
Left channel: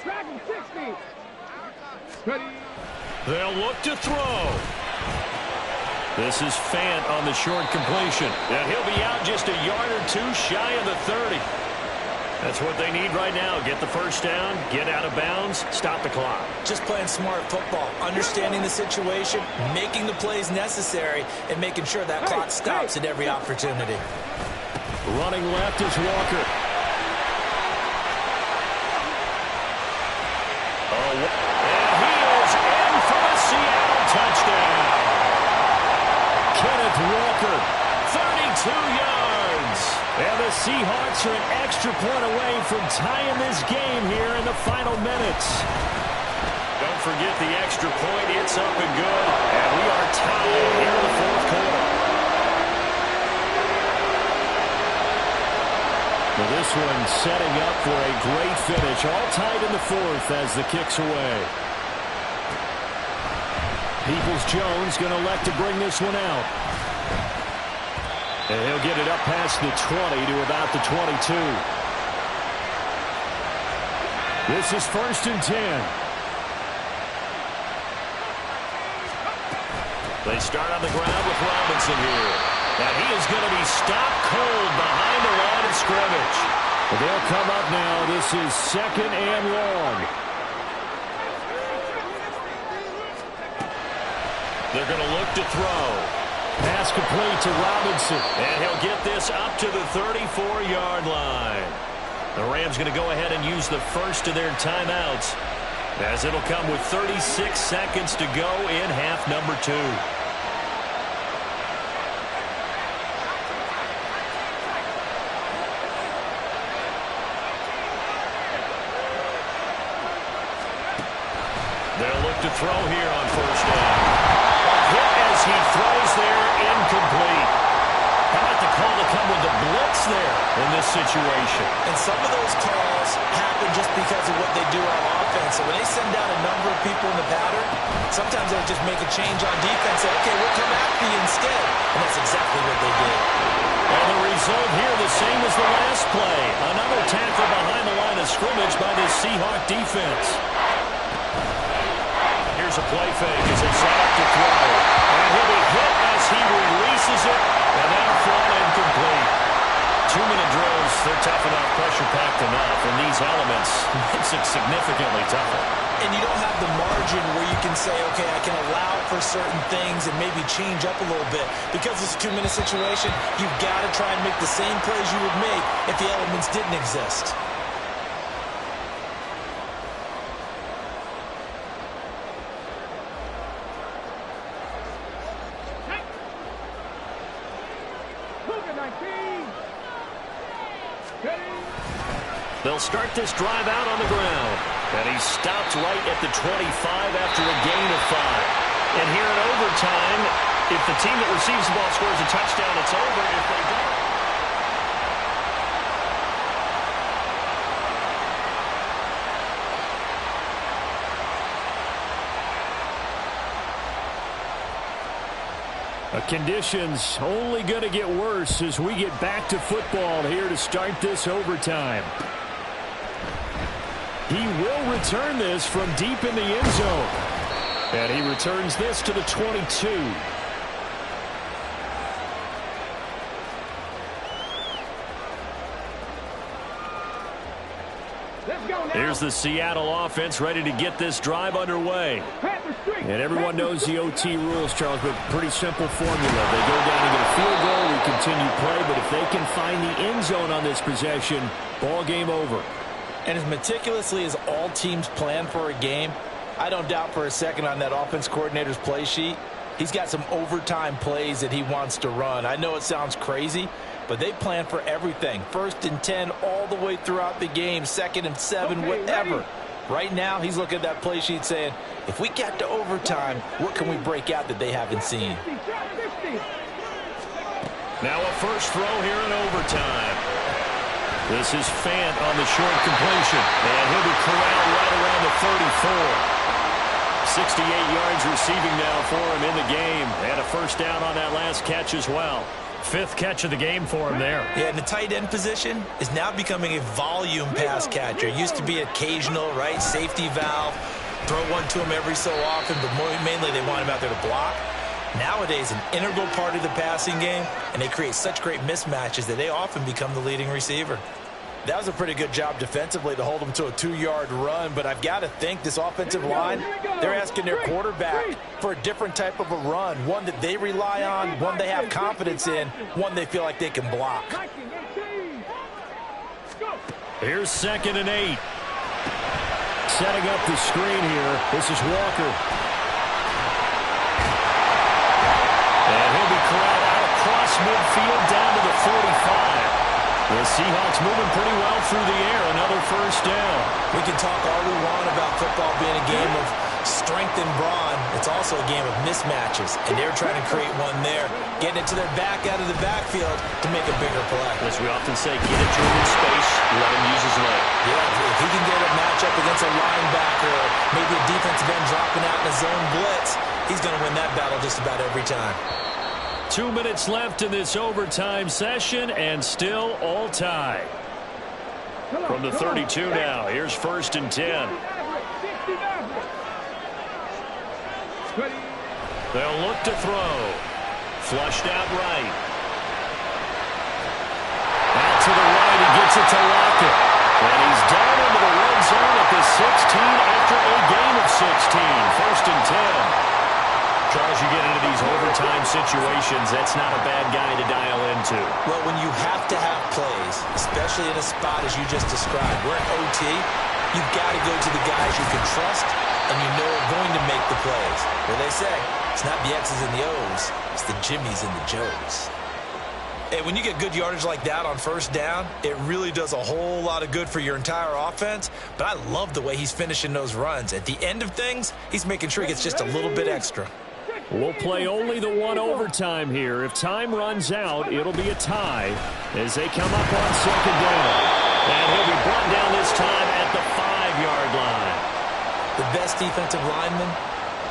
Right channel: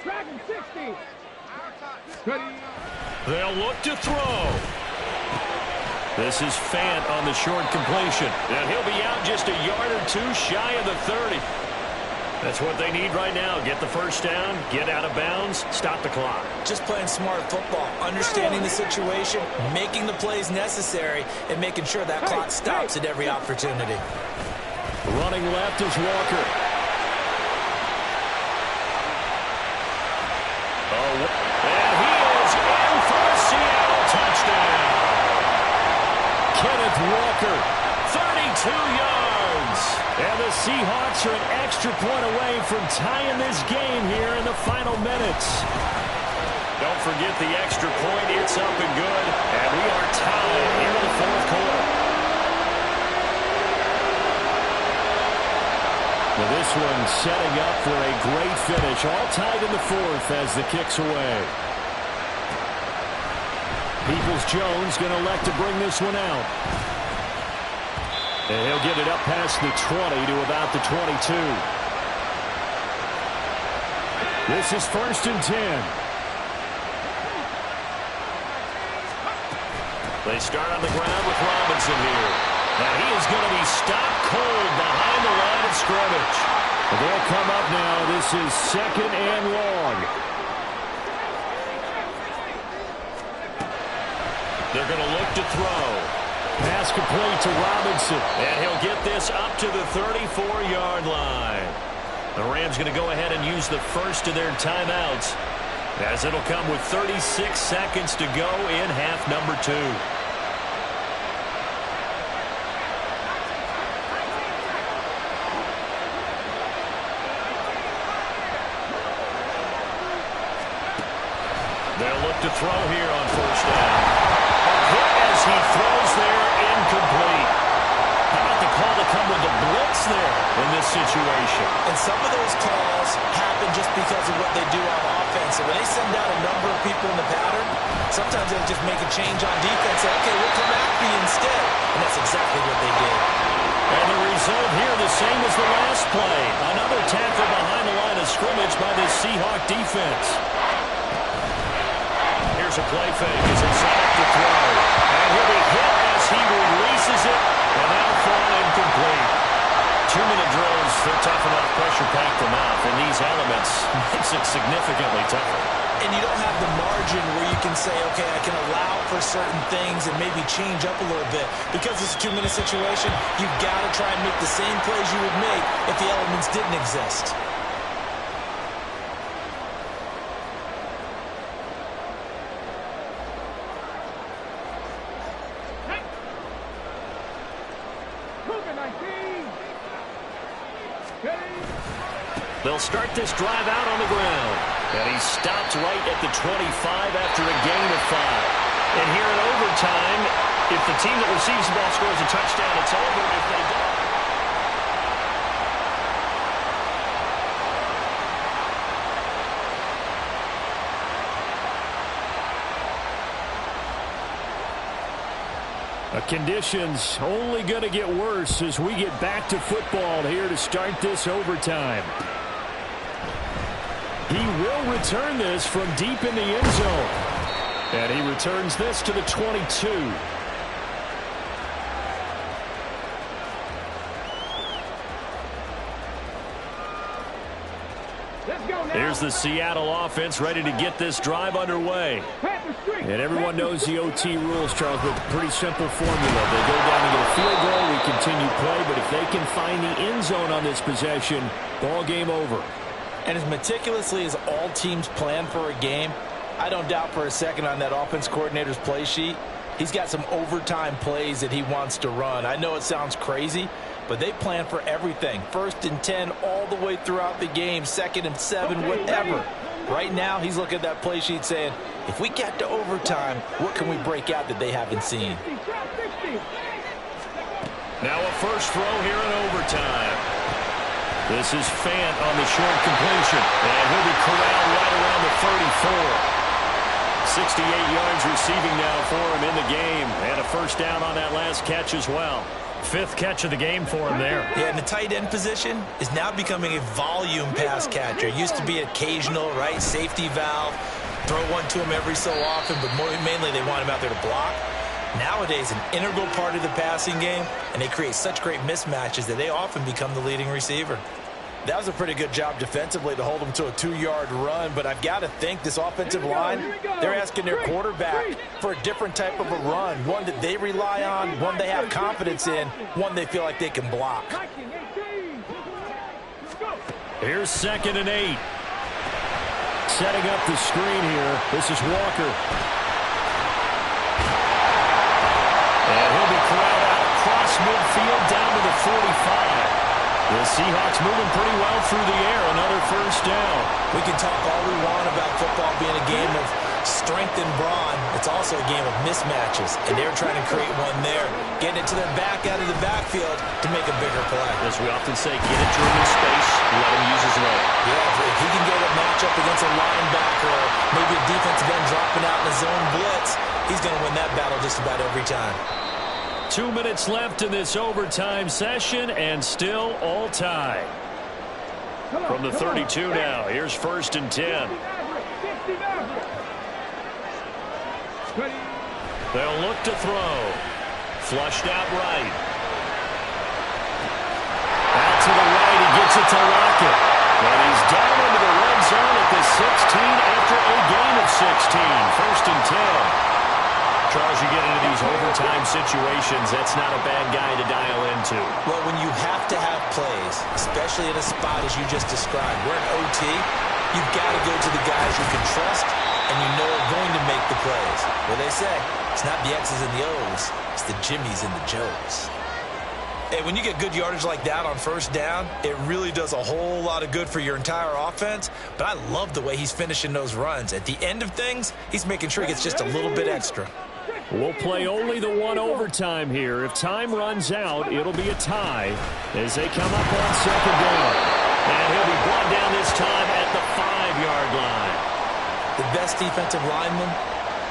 Dragon 60. Ready? They'll look to throw. This is Fant on the short completion. And he'll be out just a yard or two shy of the 30. That's what they need right now. Get the 1st down, get out of bounds, stop the clock. Just playing smart football, understanding the situation, making the plays necessary, and making sure that clock stops at every opportunity. Running left is Walker. And he is in for the Seattle touchdown. Kenneth Walker, 32 yards. And the Seahawks are an extra point away from tying this game here in the final minutes. Don't forget the extra point. It's up and good. And we are tied here in the 4th quarter. Well, this one setting up for a great finish. All tied in the 4th as the kick's away. Peoples-Jones going to elect to bring this one out. And he'll get it up past the 20 to about the 22. This is 1st and 10. They start on the ground with Robinson here. And he is going to be stopped cold behind the line of scrimmage. But they'll come up now. This is 2nd and long. They're going to look to throw. Pass complete to Robinson. And he'll get this up to the 34-yard line. The Rams going to go ahead and use the 1st of their timeouts, as it'll come with 36 seconds to go in half number 2. They'll look to throw here on 1st down. Hit as he throws there, incomplete. How about the call to come with the blitz there in this situation? And some of those calls happen just because of what they do on offense. So when they send out a number of people in the pattern, sometimes they'll just make a change on defense. Say, okay, we'll come after you instead. And that's exactly what they did. And the result here the same as the last play. Another tackle behind the line of scrimmage by the Seahawk defense. Here's a play fake as they set up to throw. And he'll be hit as he releases it. And that'll fall incomplete. 2-minute drills, they're tough enough, pressure-packed enough. And these elements makes it significantly tougher. And you don't have the margin where you can say, okay, I can allow for certain things and maybe change up a little bit. Because it's a 2-minute situation, you've got to try and make the same plays you would make if the elements didn't exist. They'll start this drive out on the ground. And he stopped right at the 25 after a gain of 5. And here in overtime, if the team that receives the ball scores a touchdown, it's over. If they don't, Conditions only going to get worse as we get back to football here to start this overtime. He will return this from deep in the end zone. And he returns this to the 22. Let's go now. Here's the Seattle offense ready to get this drive underway. And everyone knows the OT rules, Charles, but pretty simple formula. They go down and get a field goal, we continue play, but if they can find the end zone on this possession, ball game over. And as meticulously as all teams plan for a game, I don't doubt for a second on that offense coordinator's play sheet, he's got some overtime plays that he wants to run. I know it sounds crazy, but they plan for everything. 1st and 10 all the way throughout the game, 2nd and 7, whatever. Right now, he's looking at that play sheet saying, if we get to overtime, what can we break out that they haven't seen? Now a first throw here in overtime. This is Fant on the short completion, and he'll be corralled right around the 34. 68 yards receiving now for him in the game, and a first down on that last catch as well. 5th catch of the game for him there. Yeah, and the tight end position is now becoming a volume pass catcher. It used to be occasional, right? Safety valve. Throw one to him every so often, but mainly they want him out there to block. Nowadays, an integral part of the passing game, and they create such great mismatches that they often become the leading receiver. That was a pretty good job defensively to hold them to a 2-yard run, but I've got to think this offensive line, they're asking their quarterback for a different type of a run, one that they rely on, one they have confidence in, one they feel like they can block. Here's 2nd and 8. Setting up the screen here. This is Walker. And he'll be corralled out across midfield down to the 45. The Seahawks moving pretty well through the air. Another first down. We can talk all we want about football being a game of strength and brawn. It's also a game of mismatches, and they're trying to create one there, getting it to their back out of the backfield to make a bigger play. As we often say, get it to him in space, let him use his leg. Yeah, if he can get a matchup against a linebacker or maybe a defensive end dropping out in a zone blitz, he's going to win that battle just about every time. 2 minutes left in this overtime session, and still all tied. From the 32 now, here's 1st and 10. They'll look to throw. Flushed out right. Out to the right, he gets it to Lockett. And he's down into the red zone at the 16 after a gain of 16. 1st and 10. Charles, you get into these overtime situations, that's not a bad guy to dial into. Well, when you have to have plays, especially in a spot as you just described, we're in OT, you've got to go to the guys you can trust and you know are going to make the plays. Well, they say, it's not the X's and the O's, it's the Jimmys and the Joes. Hey, when you get good yardage like that on first down, it really does a whole lot of good for your entire offense. But I love the way he's finishing those runs. At the end of things, he's making sure he gets just a little bit extra. We'll play only the one overtime here. If time runs out, it'll be a tie as they come up on 2nd down. And he'll be brought down this time at the 5-yard line. The best defensive linemen,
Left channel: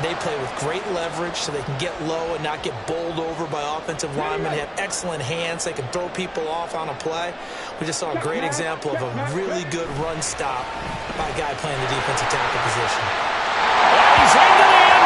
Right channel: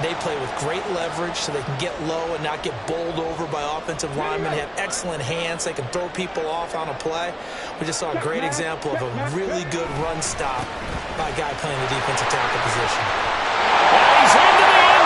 they play with great leverage so they can get low and not get bowled over by offensive linemen. They have excellent hands. They can throw people off on a play. We just saw a great example of a really good run stop by a guy playing the defensive tackle position. And he's into the